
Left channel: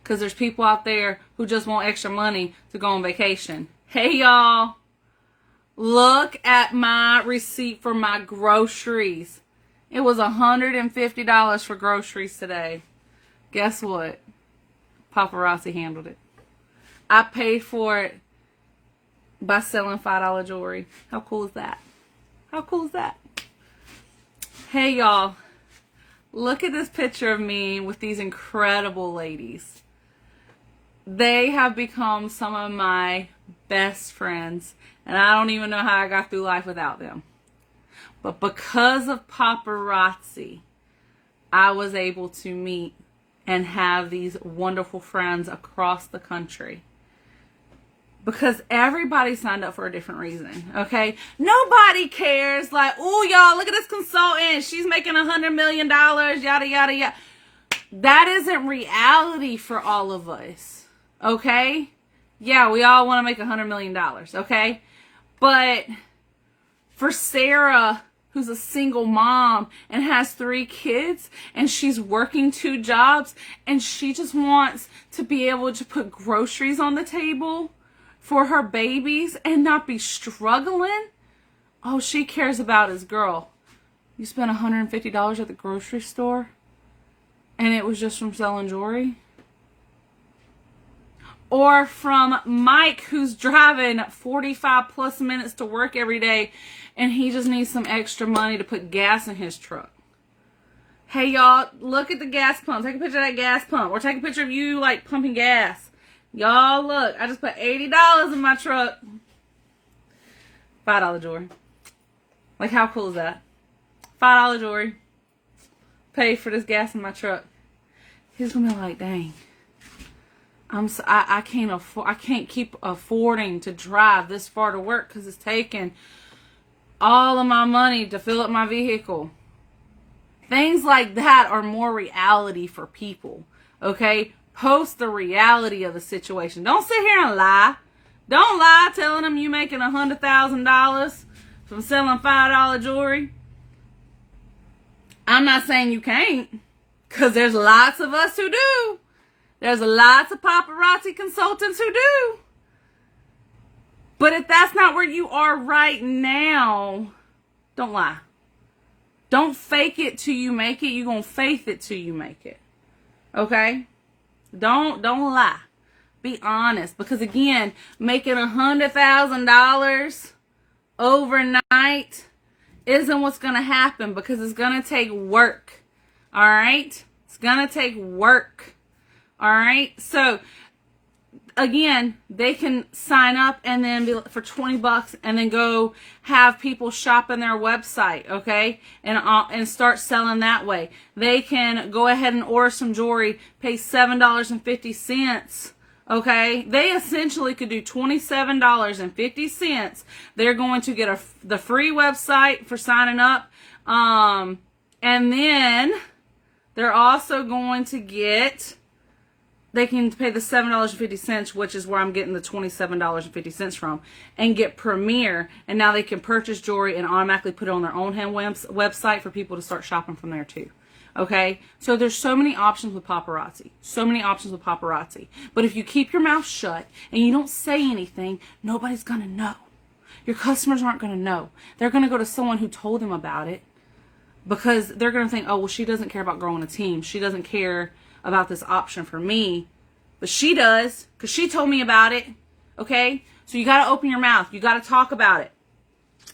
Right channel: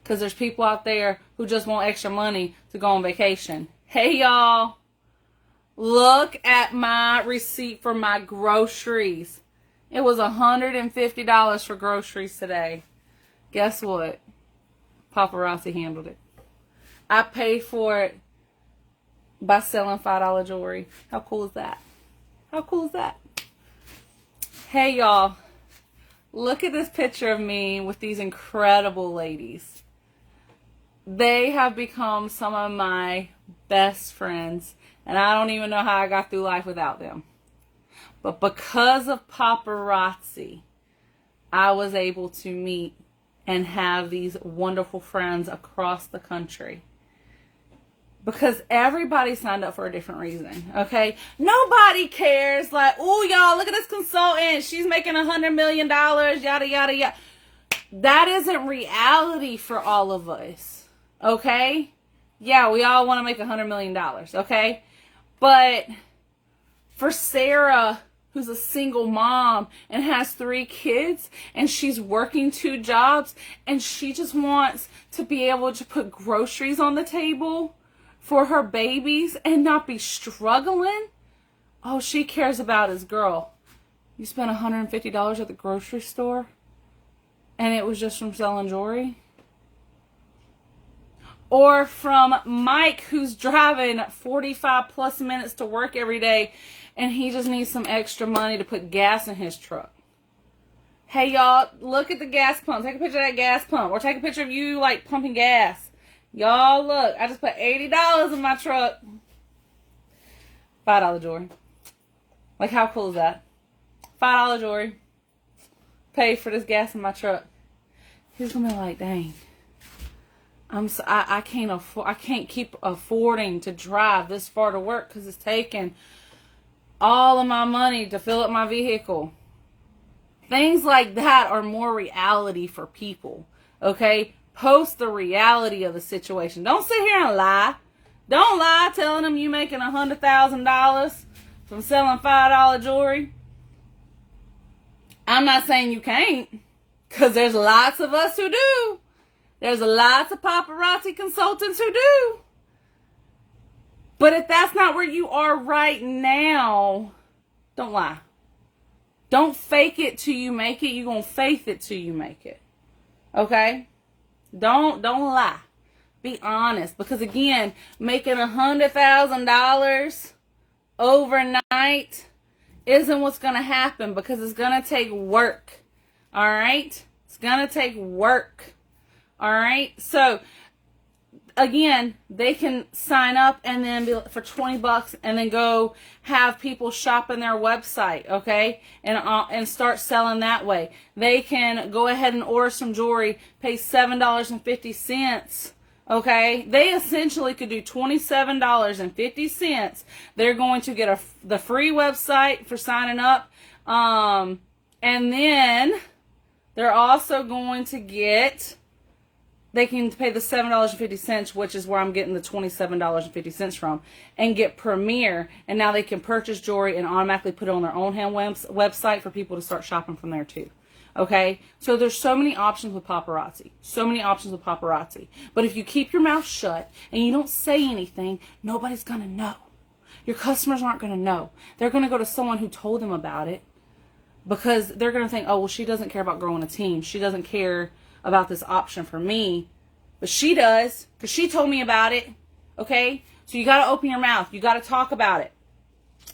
Because there's people out there who just want extra money to go on vacation. Hey, y'all. Look at my receipt for my groceries. It was $150 for groceries today. Guess what? Paparazzi handled it. I paid for it by selling $5 jewelry. How cool is that? How cool is that? Hey, y'all. Look at this picture of me with these incredible ladies. They have become some of my best friends, and I don't even know how I got through life without them. But because of paparazzi, I was able to meet and have these wonderful friends across the country. Because everybody signed up for a different reason, okay? Nobody cares, like, oh, y'all, look at this consultant. She's making $100 million, yada, yada, yada. That isn't reality for all of us, okay? Yeah, we all want to make $100 million, okay? But for Sarah, who's a single mom and has 3 kids, and she's working 2 jobs, and she just wants to be able to put groceries on the table for her babies and not be struggling. All she cares about is, girl, you spent $150 at the grocery store and it was just from selling jewelry? Or from Mike, who's driving 45 plus minutes to work every day and he just needs some extra money to put gas in his truck. Hey, y'all, look at the gas pump. Take a picture of that gas pump. Or take a picture of you, like, pumping gas. Y'all, look, I just put $80 in my truck. $5 jewelry. Like, how cool is that? $5 jewelry. Pay for this gas in my truck. He's gonna be like, dang. I can't keep affording to drive this far to work because it's taking all of my money to fill up my vehicle. Things like that are more reality for people, okay? Post the reality of the situation. Don't sit here and lie. Don't lie telling them you making $100,000 from selling $5 jewelry. I'm not saying you can't, because there's lots of us who do. There's lots of paparazzi consultants who do. But if that's not where you are right now, don't lie. Don't fake it till you make it. You're going to faith it till you make it. Okay? Don't lie. Be honest. Because again, making $100,000 overnight isn't what's going to happen, because it's going to take work. All right? It's going to take work. All right? So, again, they can sign up and then be for $20 and then go have people shop in their website, okay? And start selling that way. They can go ahead and order some jewelry, pay $7.50, okay? They essentially could do $27.50. They're going to get the free website for signing up. And then they're also going to get... They can pay the $7.50, which is where I'm getting the $27.50 from, and get Premier. And now they can purchase jewelry and automatically put it on their own hand website for people to start shopping from there too. Okay? So there's so many options with paparazzi. So many options with paparazzi. But if you keep your mouth shut and you don't say anything, nobody's going to know. Your customers aren't going to know. They're going to go to someone who told them about it, because they're going to think, oh, well, she doesn't care about growing a team. She doesn't care about this option for me, but she does, because she told me about it. Okay? So you got to open your mouth. You got to talk about it.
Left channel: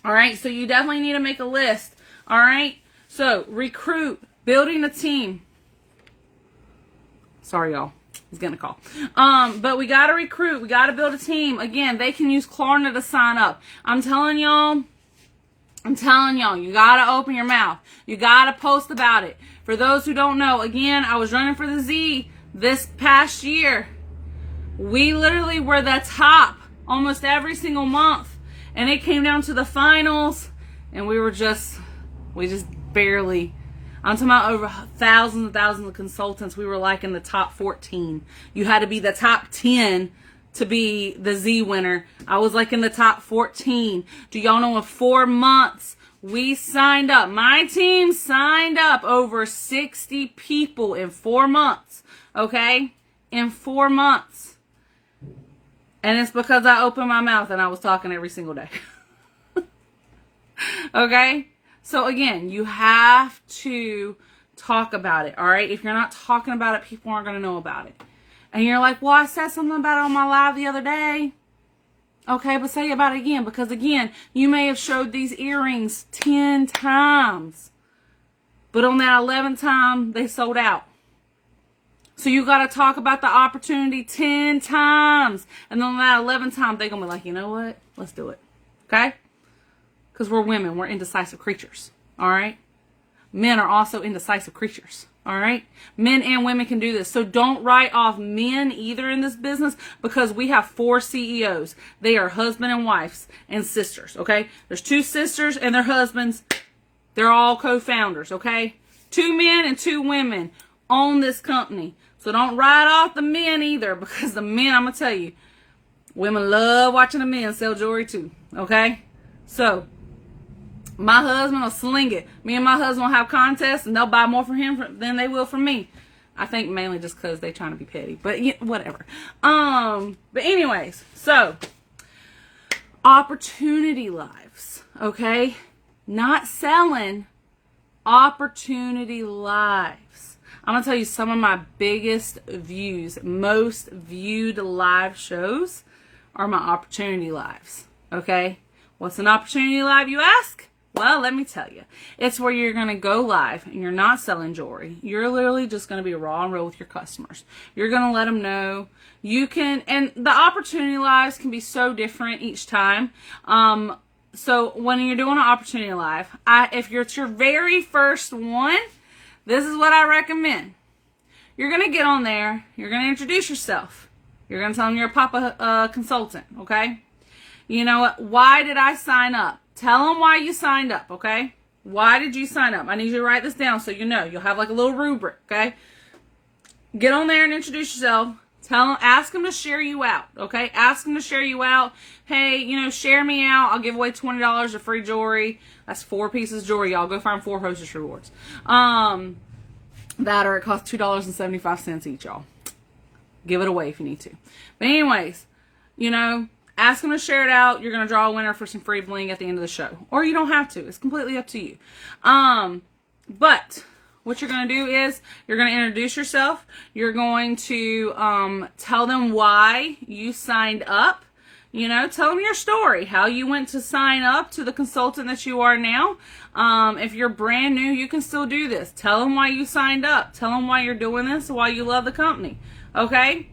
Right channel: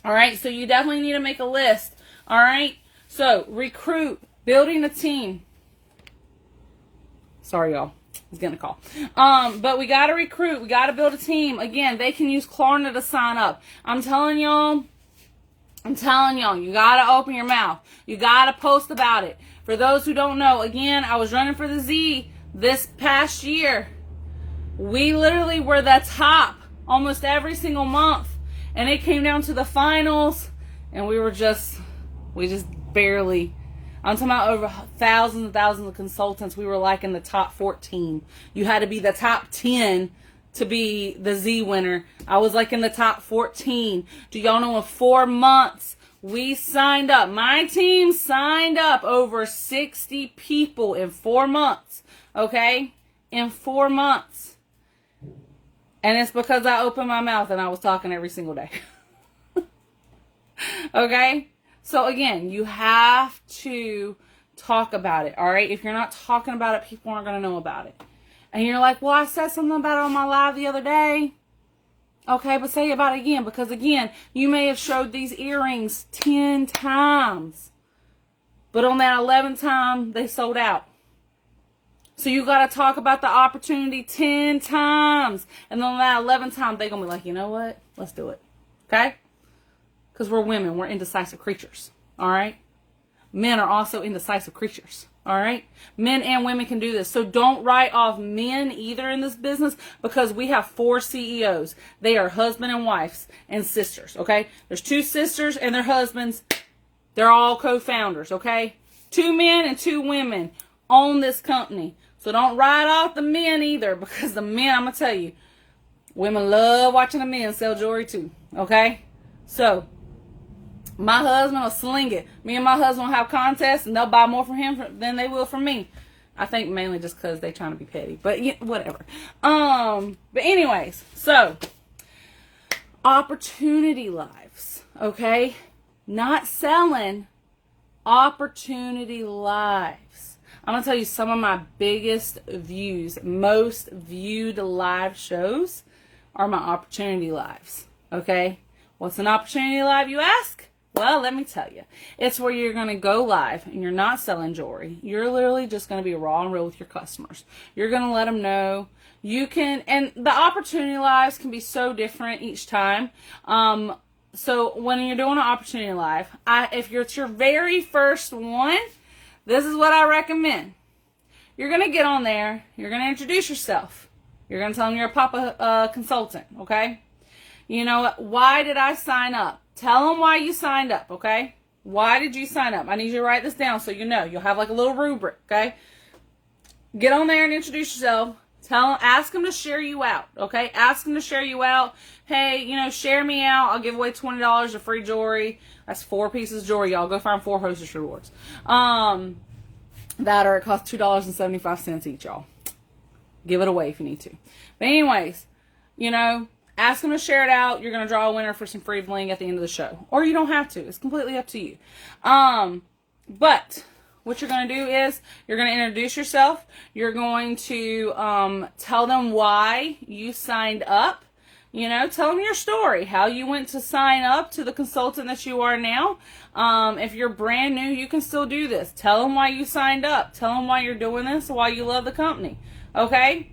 All right? So you definitely need to make a list. All right? So recruit, building the team. Sorry, y'all. I was getting a call. But we got to recruit. We got to build a team. Again, they can use Klarna to sign up. I'm telling y'all, you got to open your mouth. You got to post about it. For those who don't know, again, I was running for the Z this past year. We literally were the top almost every single month. And it came down to the finals, and we just barely. I'm talking about over thousands and thousands of consultants. We were like in the top 14. You had to be the top 10 to be the Z winner. I was like in the top 14. Do y'all know in 4 months, we signed up. My team signed up over 60 people in 4 months. Okay? In 4 months. And it's because I opened my mouth and I was talking every single day. Okay? So again, you have to talk about it. Alright? If you're not talking about it, people aren't going to know about it. And you're like, well, I said something about it on my live the other day. Okay, but say about it again, because again, you may have showed these earrings 10 times, but on that 11th time, they sold out. So you got to talk about the opportunity 10 times. And then on that 11th time, they're going to be like, you know what? Let's do it. Okay? Because we're women. We're indecisive creatures. All right? Men are also indecisive creatures. All right? Men and women can do this. So don't write off men either in this business, because we have 4 CEOs. They are husband and wives and sisters. Okay? There's 2 sisters and their husbands. They're all co-founders. Okay? 2 men and 2 women own this company. So don't write off the men either, because the men, I'm going to tell you, women love watching the men sell jewelry too. Okay? So, my husband will sling it. Me and my husband will have contests, and they'll buy more from him than they will from me. I think mainly just because they're trying to be petty. But yeah, whatever. But anyways, so, opportunity lives. Okay? Not selling. Opportunity lives. I'm going to tell you some of my biggest views, most viewed live shows are my opportunity lives. Okay? What's an opportunity live, you ask? Well, let me tell you. It's where you're going to go live and you're not selling jewelry. You're literally just going to be raw and real with your customers. You're going to let them know. You can, and the opportunity lives can be so different each time. So when you're doing an opportunity live, if it's your very first one, this is what I recommend. You're going to get on there. You're going to introduce yourself. You're going to tell them you're a Papa consultant, okay? You know what? Why did I sign up? Tell them why you signed up, okay? Why did you sign up? I need you to write this down so you know. You'll have like a little rubric, okay? Get on there and introduce yourself. Ask them to share you out, okay? Ask them to share you out. Hey, you know, share me out. I'll give away $20 of free jewelry. That's 4 pieces of jewelry, y'all. Go find 4 hostess rewards. It costs $2.75 each, y'all. Give it away if you need to. But anyways, you know, ask them to share it out. You're going to draw a winner for some free bling at the end of the show. Or you don't have to. It's completely up to you. But what you're going to do is you're going to introduce yourself. You're going to tell them why you signed up. You know, tell them your story, how you went to sign up to the consultant that you are now. If you're brand new, you can still do this. Tell them why you signed up. Tell them why you're doing this, why you love the company. Okay?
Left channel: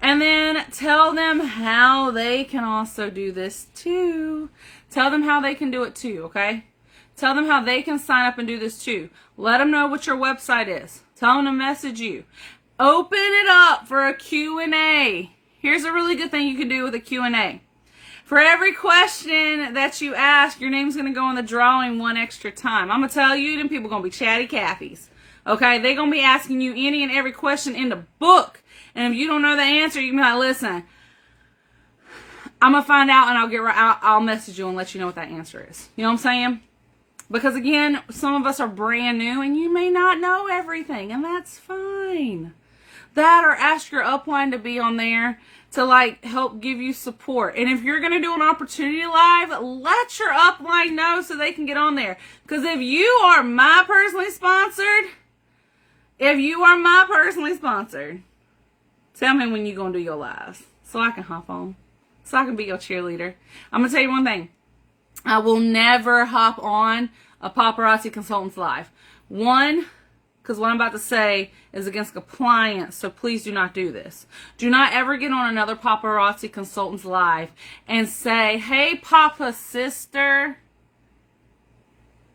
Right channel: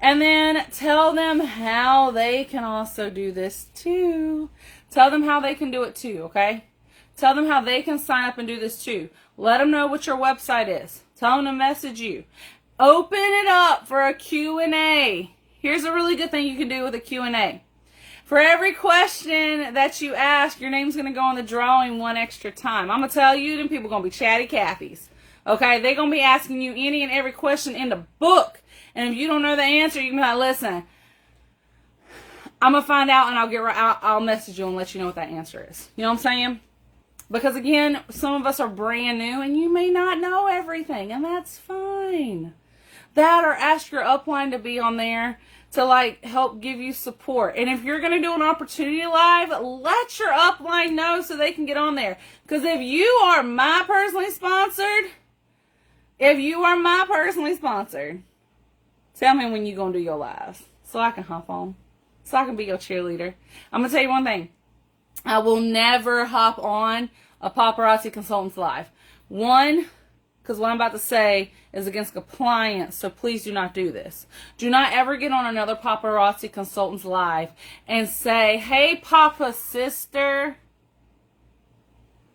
And then tell them how they can also do this too. Tell them how they can do it too, okay? Tell them how they can sign up and do this too. Let them know what your website is. Tell them to message you. Open it up for a Q&A. Here's a really good thing you can do with a Q&A. For every question that you ask, your name's going to go on the drawing 1 extra time. I'm going to tell you, them people going to be chatty Cathy's. Okay? They're going to be asking you any and every question in the book. And if you don't know the answer, you can be like, listen, I'm going to find out and I'll message you and let you know what that answer is. You know what I'm saying? Because again, some of us are brand new and you may not know everything, and that's fine. That, or ask your upline to be on there to like help give you support. And if you're going to do an opportunity live, let your upline know so they can get on there. Because if you are my personally sponsored, tell me when you're going to do your lives so I can hop on, so I can be your cheerleader. I'm going to tell you one thing. I will never hop on a Paparazzi Consultants Live. One, because what I'm about to say is against compliance, so please do not do this. Do not ever get on another Paparazzi Consultants Live and say, hey, Papa sister.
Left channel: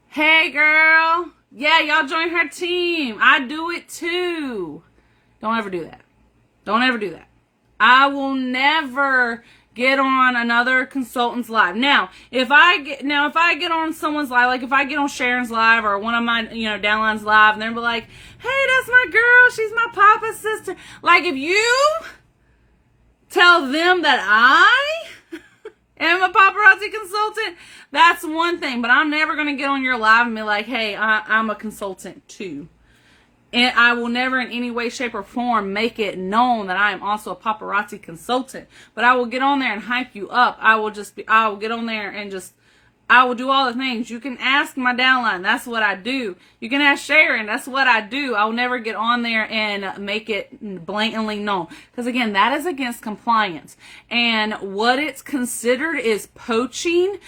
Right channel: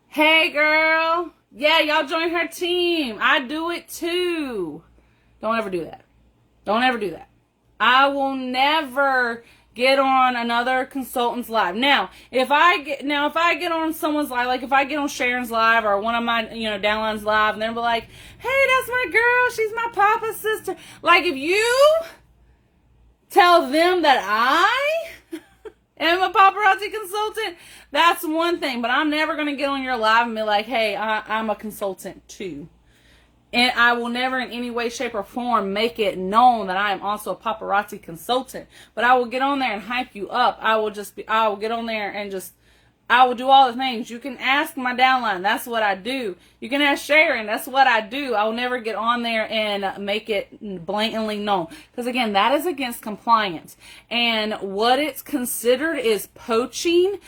Hey, girl. Yeah, y'all join her team. I do it too. Don't ever do that. Don't ever do that. I will never get on another consultant's live. Now, if I get on someone's live, like if I get on Sharon's live or one of my, downline's live, and they'll be like, hey, that's my girl, she's my Papa's sister. Like, if you tell them that I am a paparazzi consultant, that's one thing. But I'm never going to get on your live and be like, hey, I'm a consultant too. And I will never in any way, shape, or form make it known that I am also a paparazzi consultant. But I will get on there and hype you up. I will get on there and I will do all the things. You can ask my downline. That's what I do. You can ask Sharon. That's what I do. I will never get on there and make it blatantly known. Because again, that is against compliance. And what it's considered is poaching.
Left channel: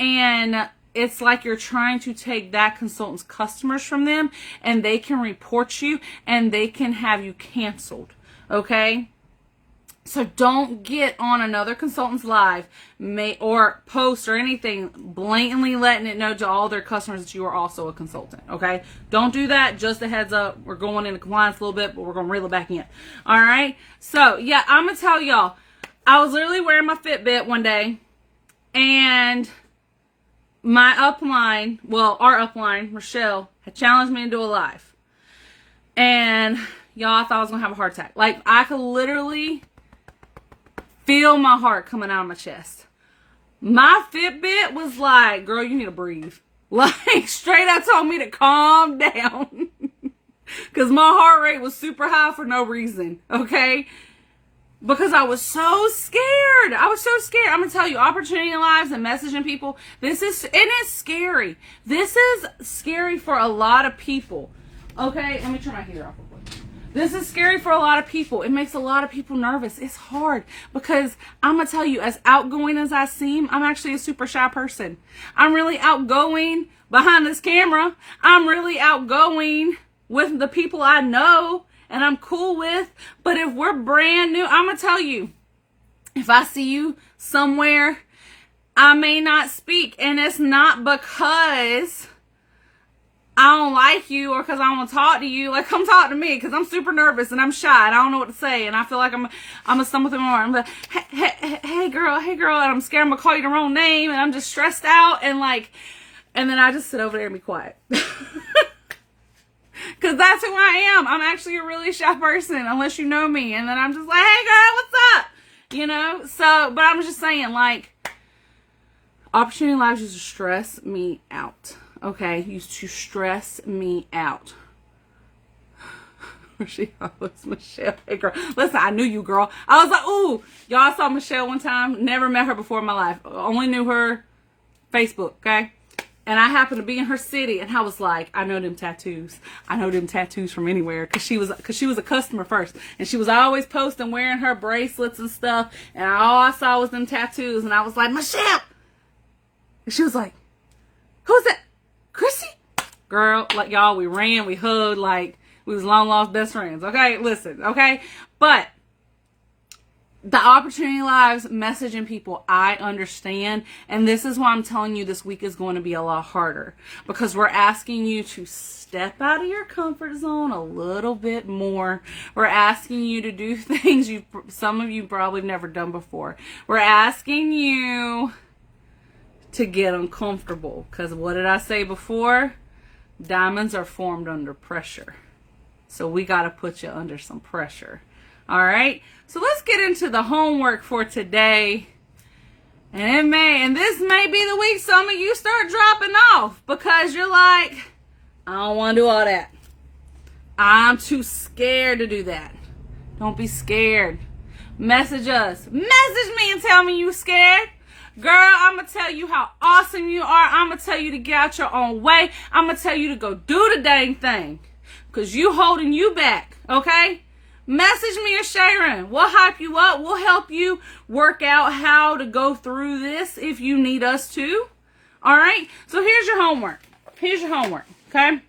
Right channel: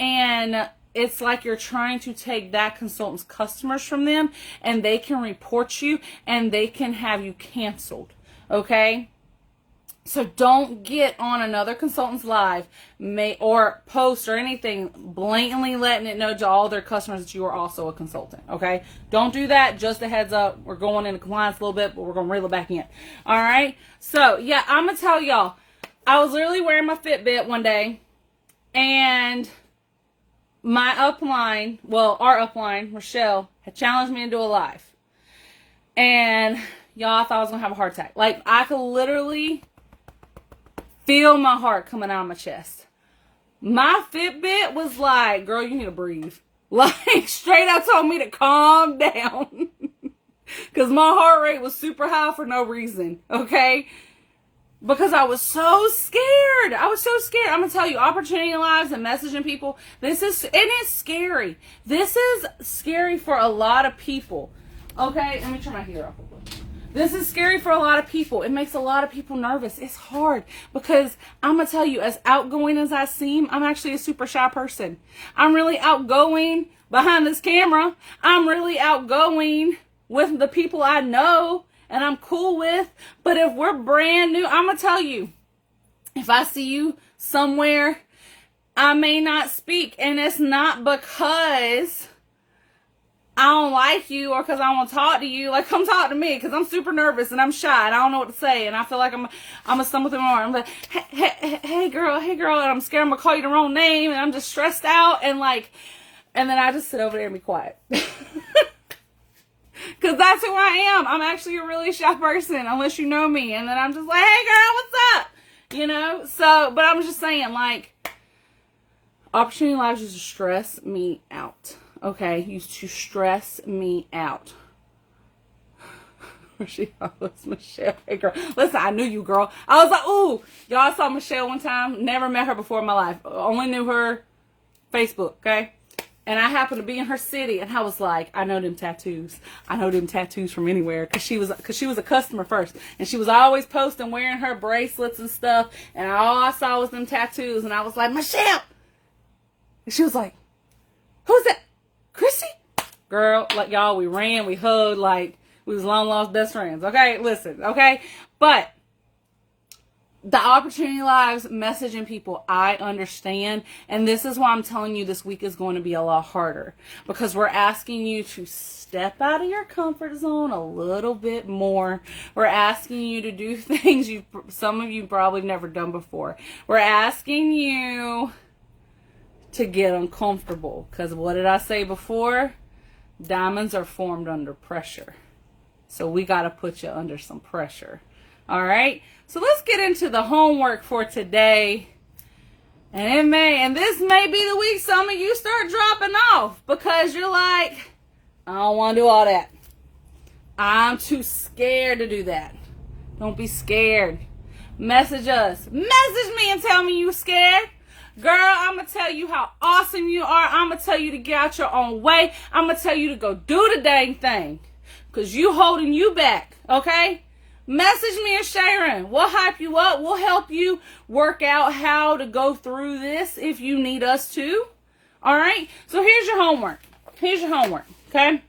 And it's like you're trying to take that consultant's customers from them, and they can report you and they can have you canceled. Okay? So don't get on another consultant's live or post or anything blatantly letting it know to all their customers that you are also a consultant. Okay? Don't do that. Just a heads up. We're going into compliance a little bit, but we're going to reel it back in. All right? So, yeah, I'm going to tell y'all. I was literally wearing my Fitbit one day, and my upline, well, our upline, Rochelle, had challenged me to do a live. And y'all, I thought I was going to have a heart attack. Like, I could literally feel my heart coming out of my chest. My Fitbit was like, girl, you need to breathe. Like, straight up told me to calm down. Because my heart rate was super high for no reason, okay? Because I was so scared. I was so scared. I'm going to tell you, opportunity lives and messaging people, it is scary. This is scary for a lot of people. Okay, let me turn my heater off real quick. This is scary for a lot of people. It makes a lot of people nervous. It's hard because I'm going to tell you, as outgoing as I seem, I'm actually a super shy person. I'm really outgoing behind this camera. I'm really outgoing with the people I know and I'm cool with. But if we're brand new, I'm going to tell you, if I see you somewhere, I may not speak. And it's not because I don't like you or because I want to talk to you. Like, come talk to me because I'm super nervous and I'm shy and I don't know what to say. And I feel like I'm a stumble through my arm. But hey girl. And I'm scared I'm going to call you the wrong name. And I'm just stressed out. And then I just sit over there and be quiet. Because that's who I am. I'm actually a really shy person unless you know me. And then I'm just like, hey girl, what's up? You know? So, but I'm just saying, like, opportunity lives used to stress me out. Okay? Used to stress me out. She was Michelle. Hey girl. Listen, I knew you, girl. I was like, ooh. Y'all saw Michelle one time. Never met her before in my life. Only knew her Facebook, okay? And I happened to be in her city, and I was like, I know them tattoos. I know them tattoos from anywhere, because she was a customer first, and she was always posting wearing her bracelets and stuff, and all I saw was them tattoos, and I was like, Michelle, and she was like, who's that? Chrissy? Girl, like, y'all, we ran, we hugged, like we was long lost best friends. Okay, listen, okay, but the opportunity lives, messaging people, I understand. And this is why I'm telling you this week is going to be a lot harder. Because we're asking you to step out of your comfort zone a little bit more. We're asking you to do things some of you probably never done before. We're asking you to get uncomfortable. Because what did I say before? Diamonds are formed under pressure. So we got to put you under some pressure. All right? So let's get into the homework for today. And this may be the week some of you start dropping off because you're like, I don't want to do all that. I'm too scared to do that. Don't be scared. Message us. Message me and tell me you scared. Girl, I'm going to tell you how awesome you are. I'm going to tell you to get out your own way. I'm going to tell you to go do the dang thing. Because you holding you back, okay? Message me and Sharon. We'll hype you up. We'll help you work out how to go through this if you need us to. All right? So here's your homework. Here's your homework, okay?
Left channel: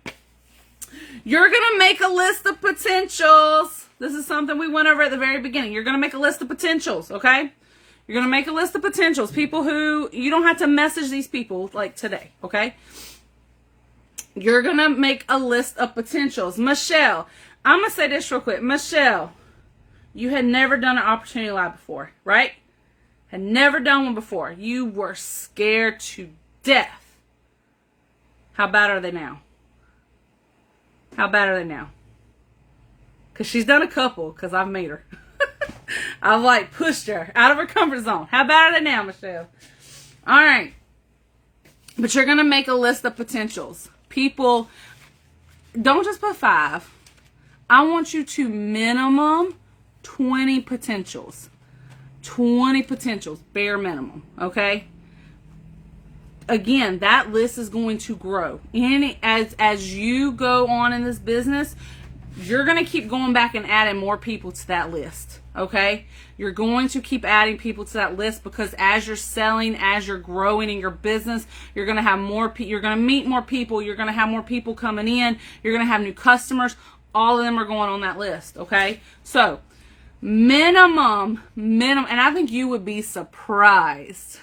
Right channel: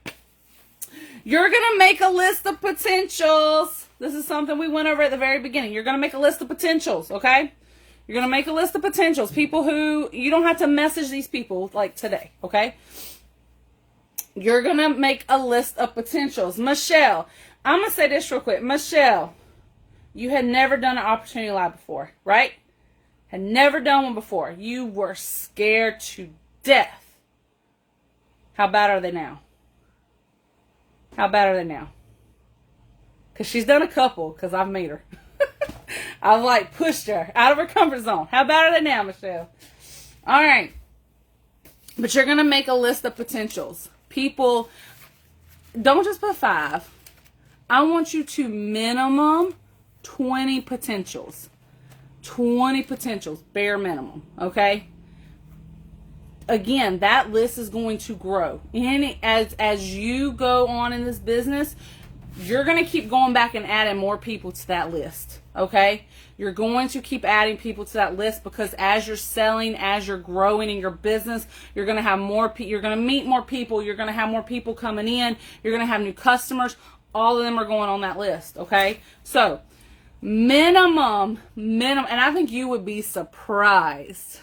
You're going to make a list of potentials. This is something we went over at the very beginning. You're going to make a list of potentials, okay? You're going to make a list of potentials. People who, you don't have to message these people like today, okay? You're going to make a list of potentials. Michelle, I'm going to say this real quick. Michelle, you had never done an opportunity live before, right? Had never done one before. You were scared to death. How bad are they now? How bad are they now? Because she's done a couple, because I've made her. I've like pushed her out of her comfort zone. How bad are they now, Michelle? All right. But you're going to make a list of potentials. People, don't just put 5. I want you to minimum 20 potentials. 20 potentials, bare minimum, okay? Again, that list is going to grow. As you go on in this business, you're going to keep going back and adding more people to that list, okay? You're going to keep adding people to that list, because as you're selling, as you're growing in your business, you're going to have more you're going to meet more people, you're going to have more people coming in, you're going to have new customers. All of them are going on that list, okay? So, minimum, and I think you would be surprised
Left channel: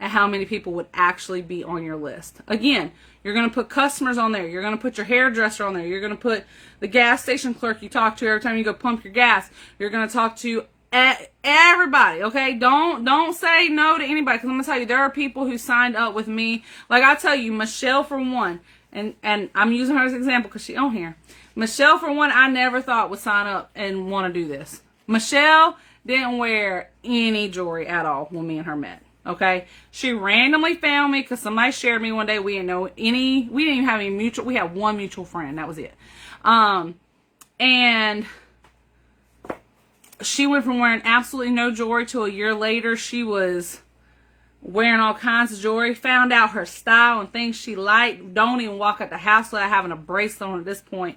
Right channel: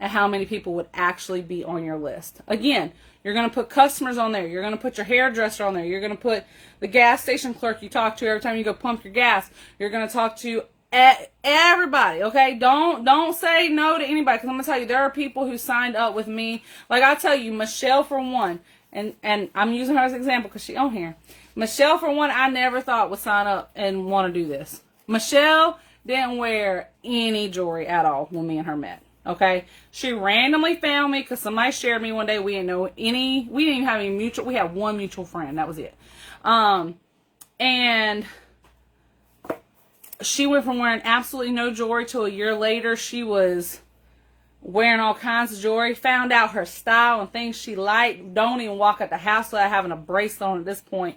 at how many people would actually be on your list. Again, you're going to put customers on there. You're going to put your hairdresser on there. You're going to put the gas station clerk you talk to every time you go pump your gas. You're going to talk to everybody, okay? Don't say no to anybody, because I'm going to tell you, there are people who signed up with me. Like I tell you, Michelle, for one, and I'm using her as an example because she's on here. Michelle, for one, I never thought would sign up and want to do this. Michelle didn't wear any jewelry at all when me and her met. Okay, she randomly found me because somebody shared me one day. We didn't even have any mutual. We had one mutual friend. That was it. And she went from wearing absolutely no jewelry to a year later, she was wearing all kinds of jewelry. Found out her style and things she liked. Don't even walk out the house without having a bracelet on at this point.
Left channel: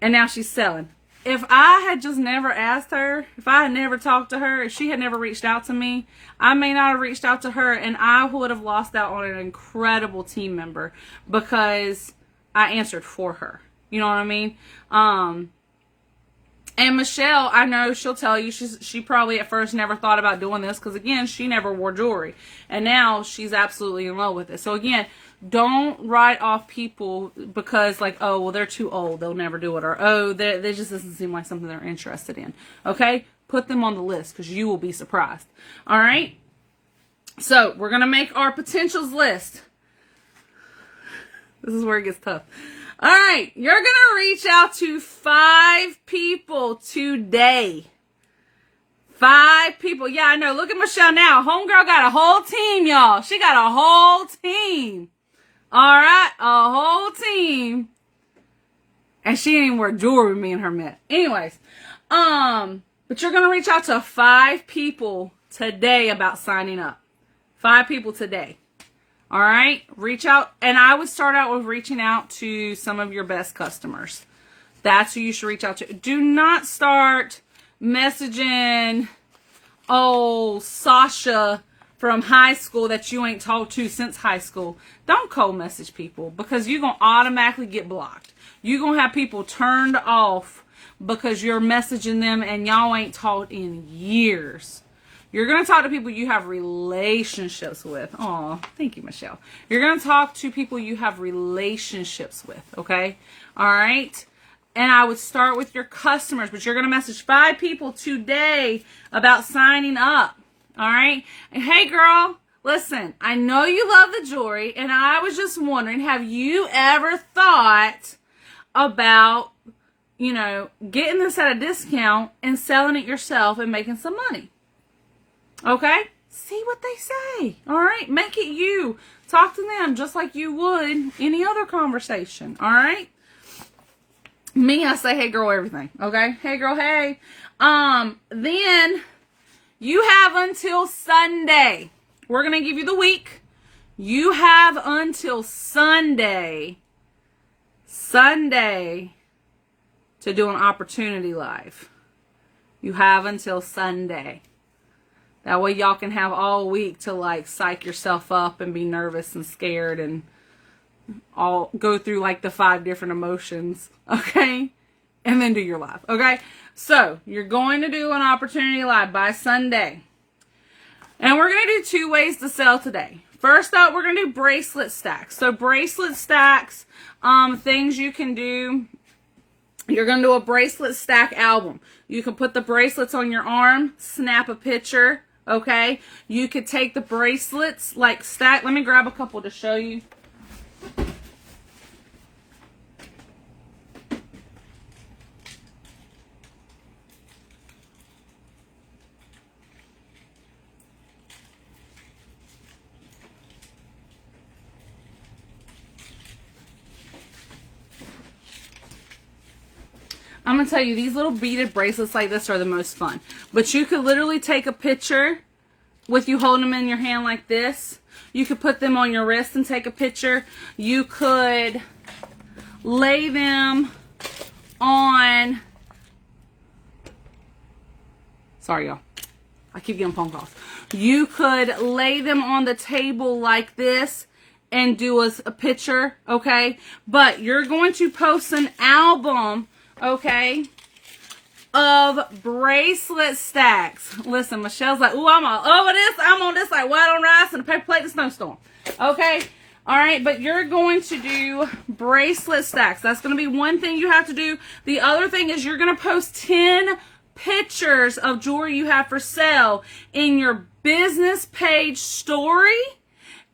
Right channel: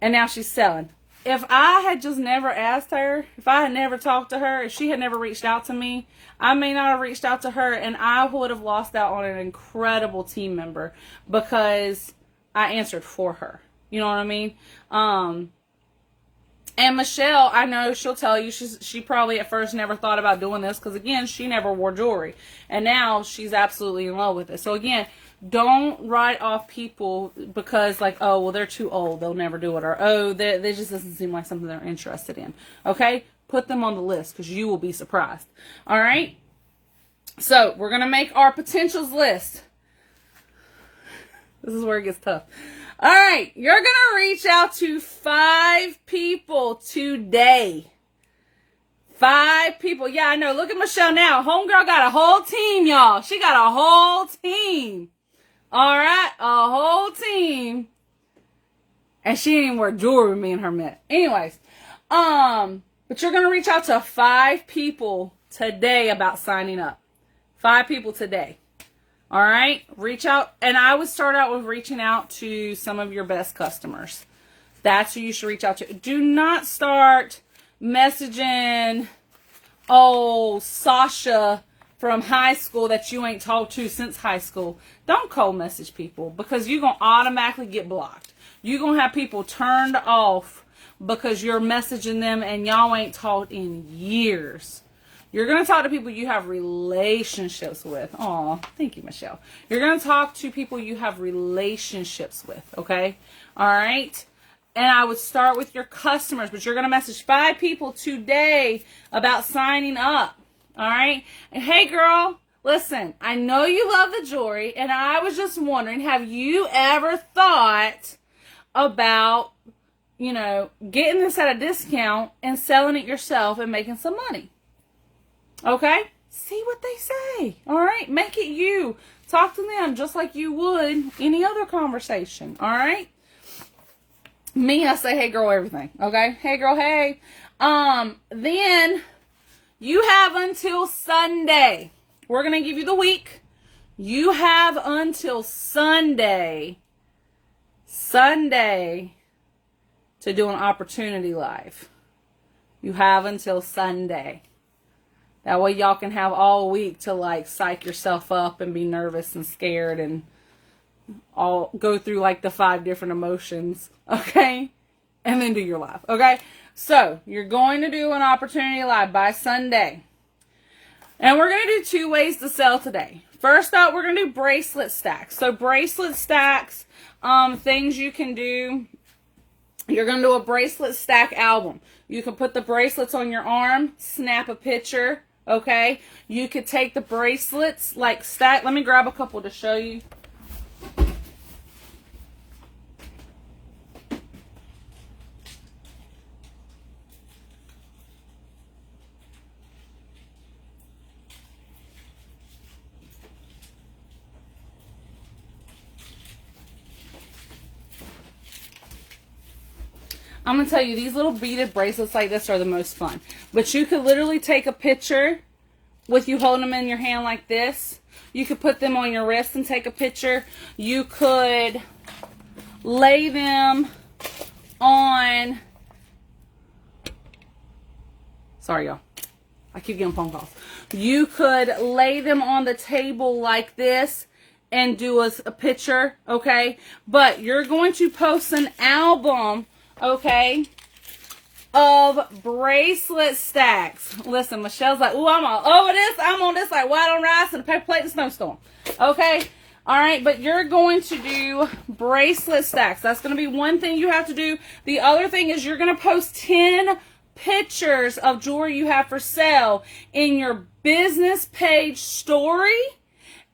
And now she's selling. If I had just never asked her, if I had never talked to her, if she had never reached out to me, I may not have reached out to her, and I would have lost out on an incredible team member because I answered for her. You know what I mean? And Michelle, I know she'll tell you, she probably at first never thought about doing this because, again, she never wore jewelry. And now she's absolutely in love with it. So, again, don't write off people because, like, oh, well, they're too old, they'll never do it. Or, oh, they just doesn't seem like something they're interested in. Okay? Put them on the list because you will be surprised. All right? So, we're going to make our potentials list. This is where it gets tough. All right, you're going to reach out to 5 people today. 5 people. Yeah, I know. Look at Michelle now. Homegirl got a whole team, y'all. She got a whole team. All right, a whole team. And she didn't even wear jewelry when me and her met. Anyways, but you're going to reach out to 5 people today about signing up. 5 people today. All right, reach out, and I would start out with reaching out to some of your best customers. That's who you should reach out to. Do not start messaging, oh, Sasha from high school that you ain't talked to since high school. Don't cold message people because you're going to automatically get blocked. You're going to have people turned off because you're messaging them and y'all ain't talked in years. You're going to talk to people you have relationships with. Aw, thank you, Michelle. You're going to talk to people you have relationships with, okay? All right? And I would start with your customers, but you're going to message 5 people today about signing up, all right? And hey, girl, listen, I know you love the jewelry, and I was just wondering, have you ever thought about, you know, getting this at a discount and selling it yourself and making some money? Okay? See what they say. All right? Make it you. Talk to them just like you would any other conversation. All right? Me, I say, hey, girl, everything. Okay? Hey, girl, hey. Then you have until Sunday. We're going to give you the week. You have until Sunday to do an opportunity live. You have until Sunday. That way y'all can have all week to like psych yourself up and be nervous and scared and all go through like the 5 different emotions, okay? And then do your live, okay? So you're going to do an opportunity live by Sunday. And we're going to do 2 ways to sell today. First up, we're going to do bracelet stacks. So bracelet stacks, things you can do. You're going to do a bracelet stack album. You can put the bracelets on your arm, snap a picture. Okay, you could take the bracelets, like stack. Let me grab a couple to show you. I'm going to tell you, these little beaded bracelets like this are the most fun. But you could literally take a picture with you holding them in your hand like this. You could put them on your wrist and take a picture. You could lay them on Sorry, y'all. I keep getting phone calls. You could lay them on the table like this and do a picture, okay? But you're going to post an album, okay, of bracelet stacks. Listen, Michelle's like, ooh, I'm all over this. I'm on this like white on rice and a paper plate and a snowstorm. Okay? All right, but you're going to do bracelet stacks. That's going to be one thing you have to do. The other thing is you're going to post 10 pictures of jewelry you have for sale in your business page story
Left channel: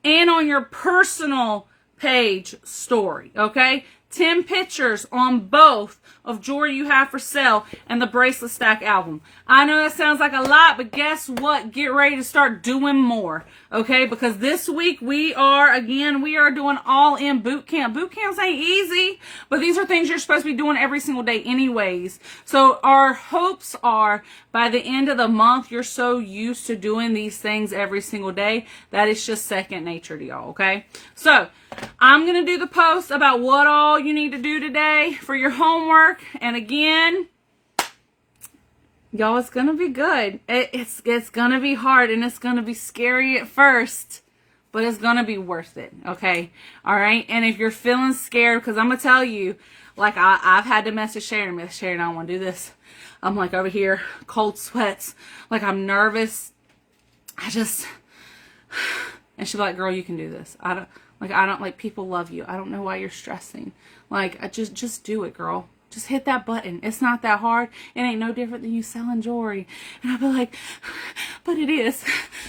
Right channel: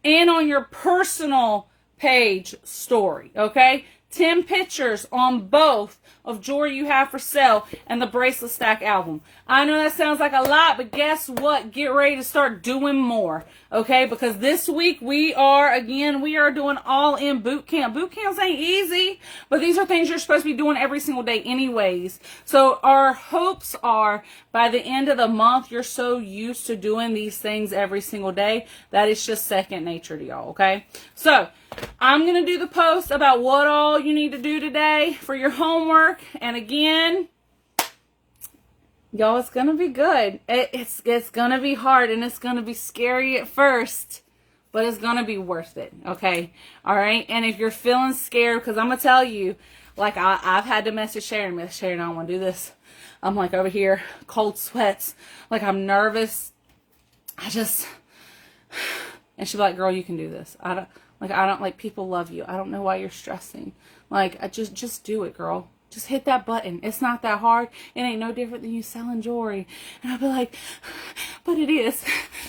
and on your personal page story, okay? 10 pictures on both of jewelry you have for sale and the bracelet stack album. I know that sounds like a lot, but guess what? Get ready to start doing more, okay? Because this week we are doing all in boot camp. Boot camps ain't easy, but these are things you're supposed to be doing every single day anyways. So our hopes are by the end of the month, you're so used to doing these things every single day that it's just second nature to y'all, okay? So I'm going to do the post about what all you need to do today for your homework. And again, y'all, it's going to be good. It's going to be hard and it's going to be scary at first, but it's going to be worth it. Okay. All right. And if you're feeling scared, because I'm going to tell you, like I've had to message Sharon. Miss Sharon, I don't want to do this. I'm like over here, cold sweats. Like I'm nervous. And she'll be like, girl, you can do this. I don't like people love you. I don't know why you're stressing. Like, just do it, girl. Just hit that button. It's not that hard. It ain't no different than you selling jewelry. And I'll be like, but it is.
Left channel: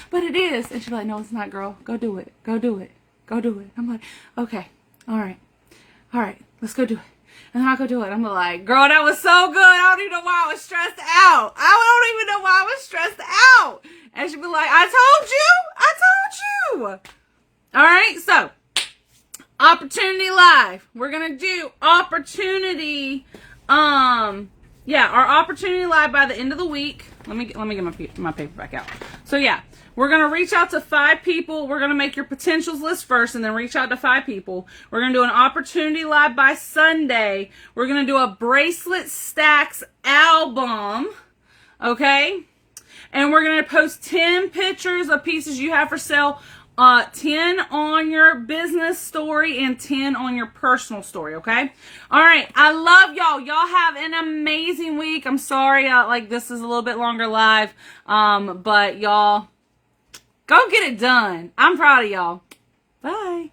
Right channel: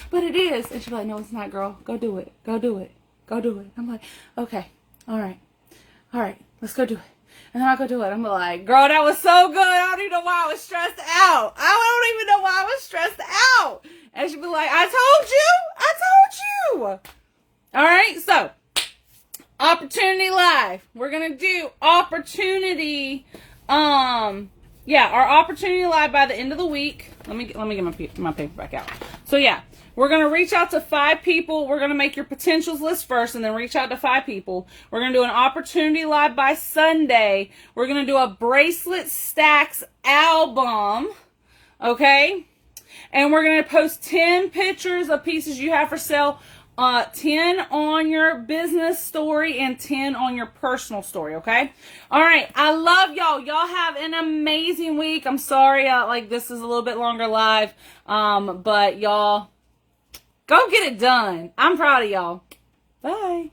But it is. And she's like, no, it's not, girl. Go do it. Go do it. Go do it. I'm like, okay. All right. All right. Let's go do it. And then I'll go do it. I'm like, girl, that was so good. I don't even know why I was stressed out. I don't even know why I was stressed out. And she'll be like, I told you. I told you. All right. So, Opportunity Live. We're going to do Opportunity. Our Opportunity Live by the end of the week. Let me get my paper back out. So, yeah. We're going to reach out to 5 people. We're going to make your potentials list first and then reach out to 5 people. We're going to do an Opportunity Live by Sunday. We're going to do a bracelet stacks album. Okay? And we're going to post 10 pictures of pieces you have for sale. 10 on your business story and 10 on your personal story, okay? All right. I love y'all. Y'all have an amazing week. I'm sorry, this is a little bit longer live. But y'all, go get it done. I'm proud of y'all. Bye.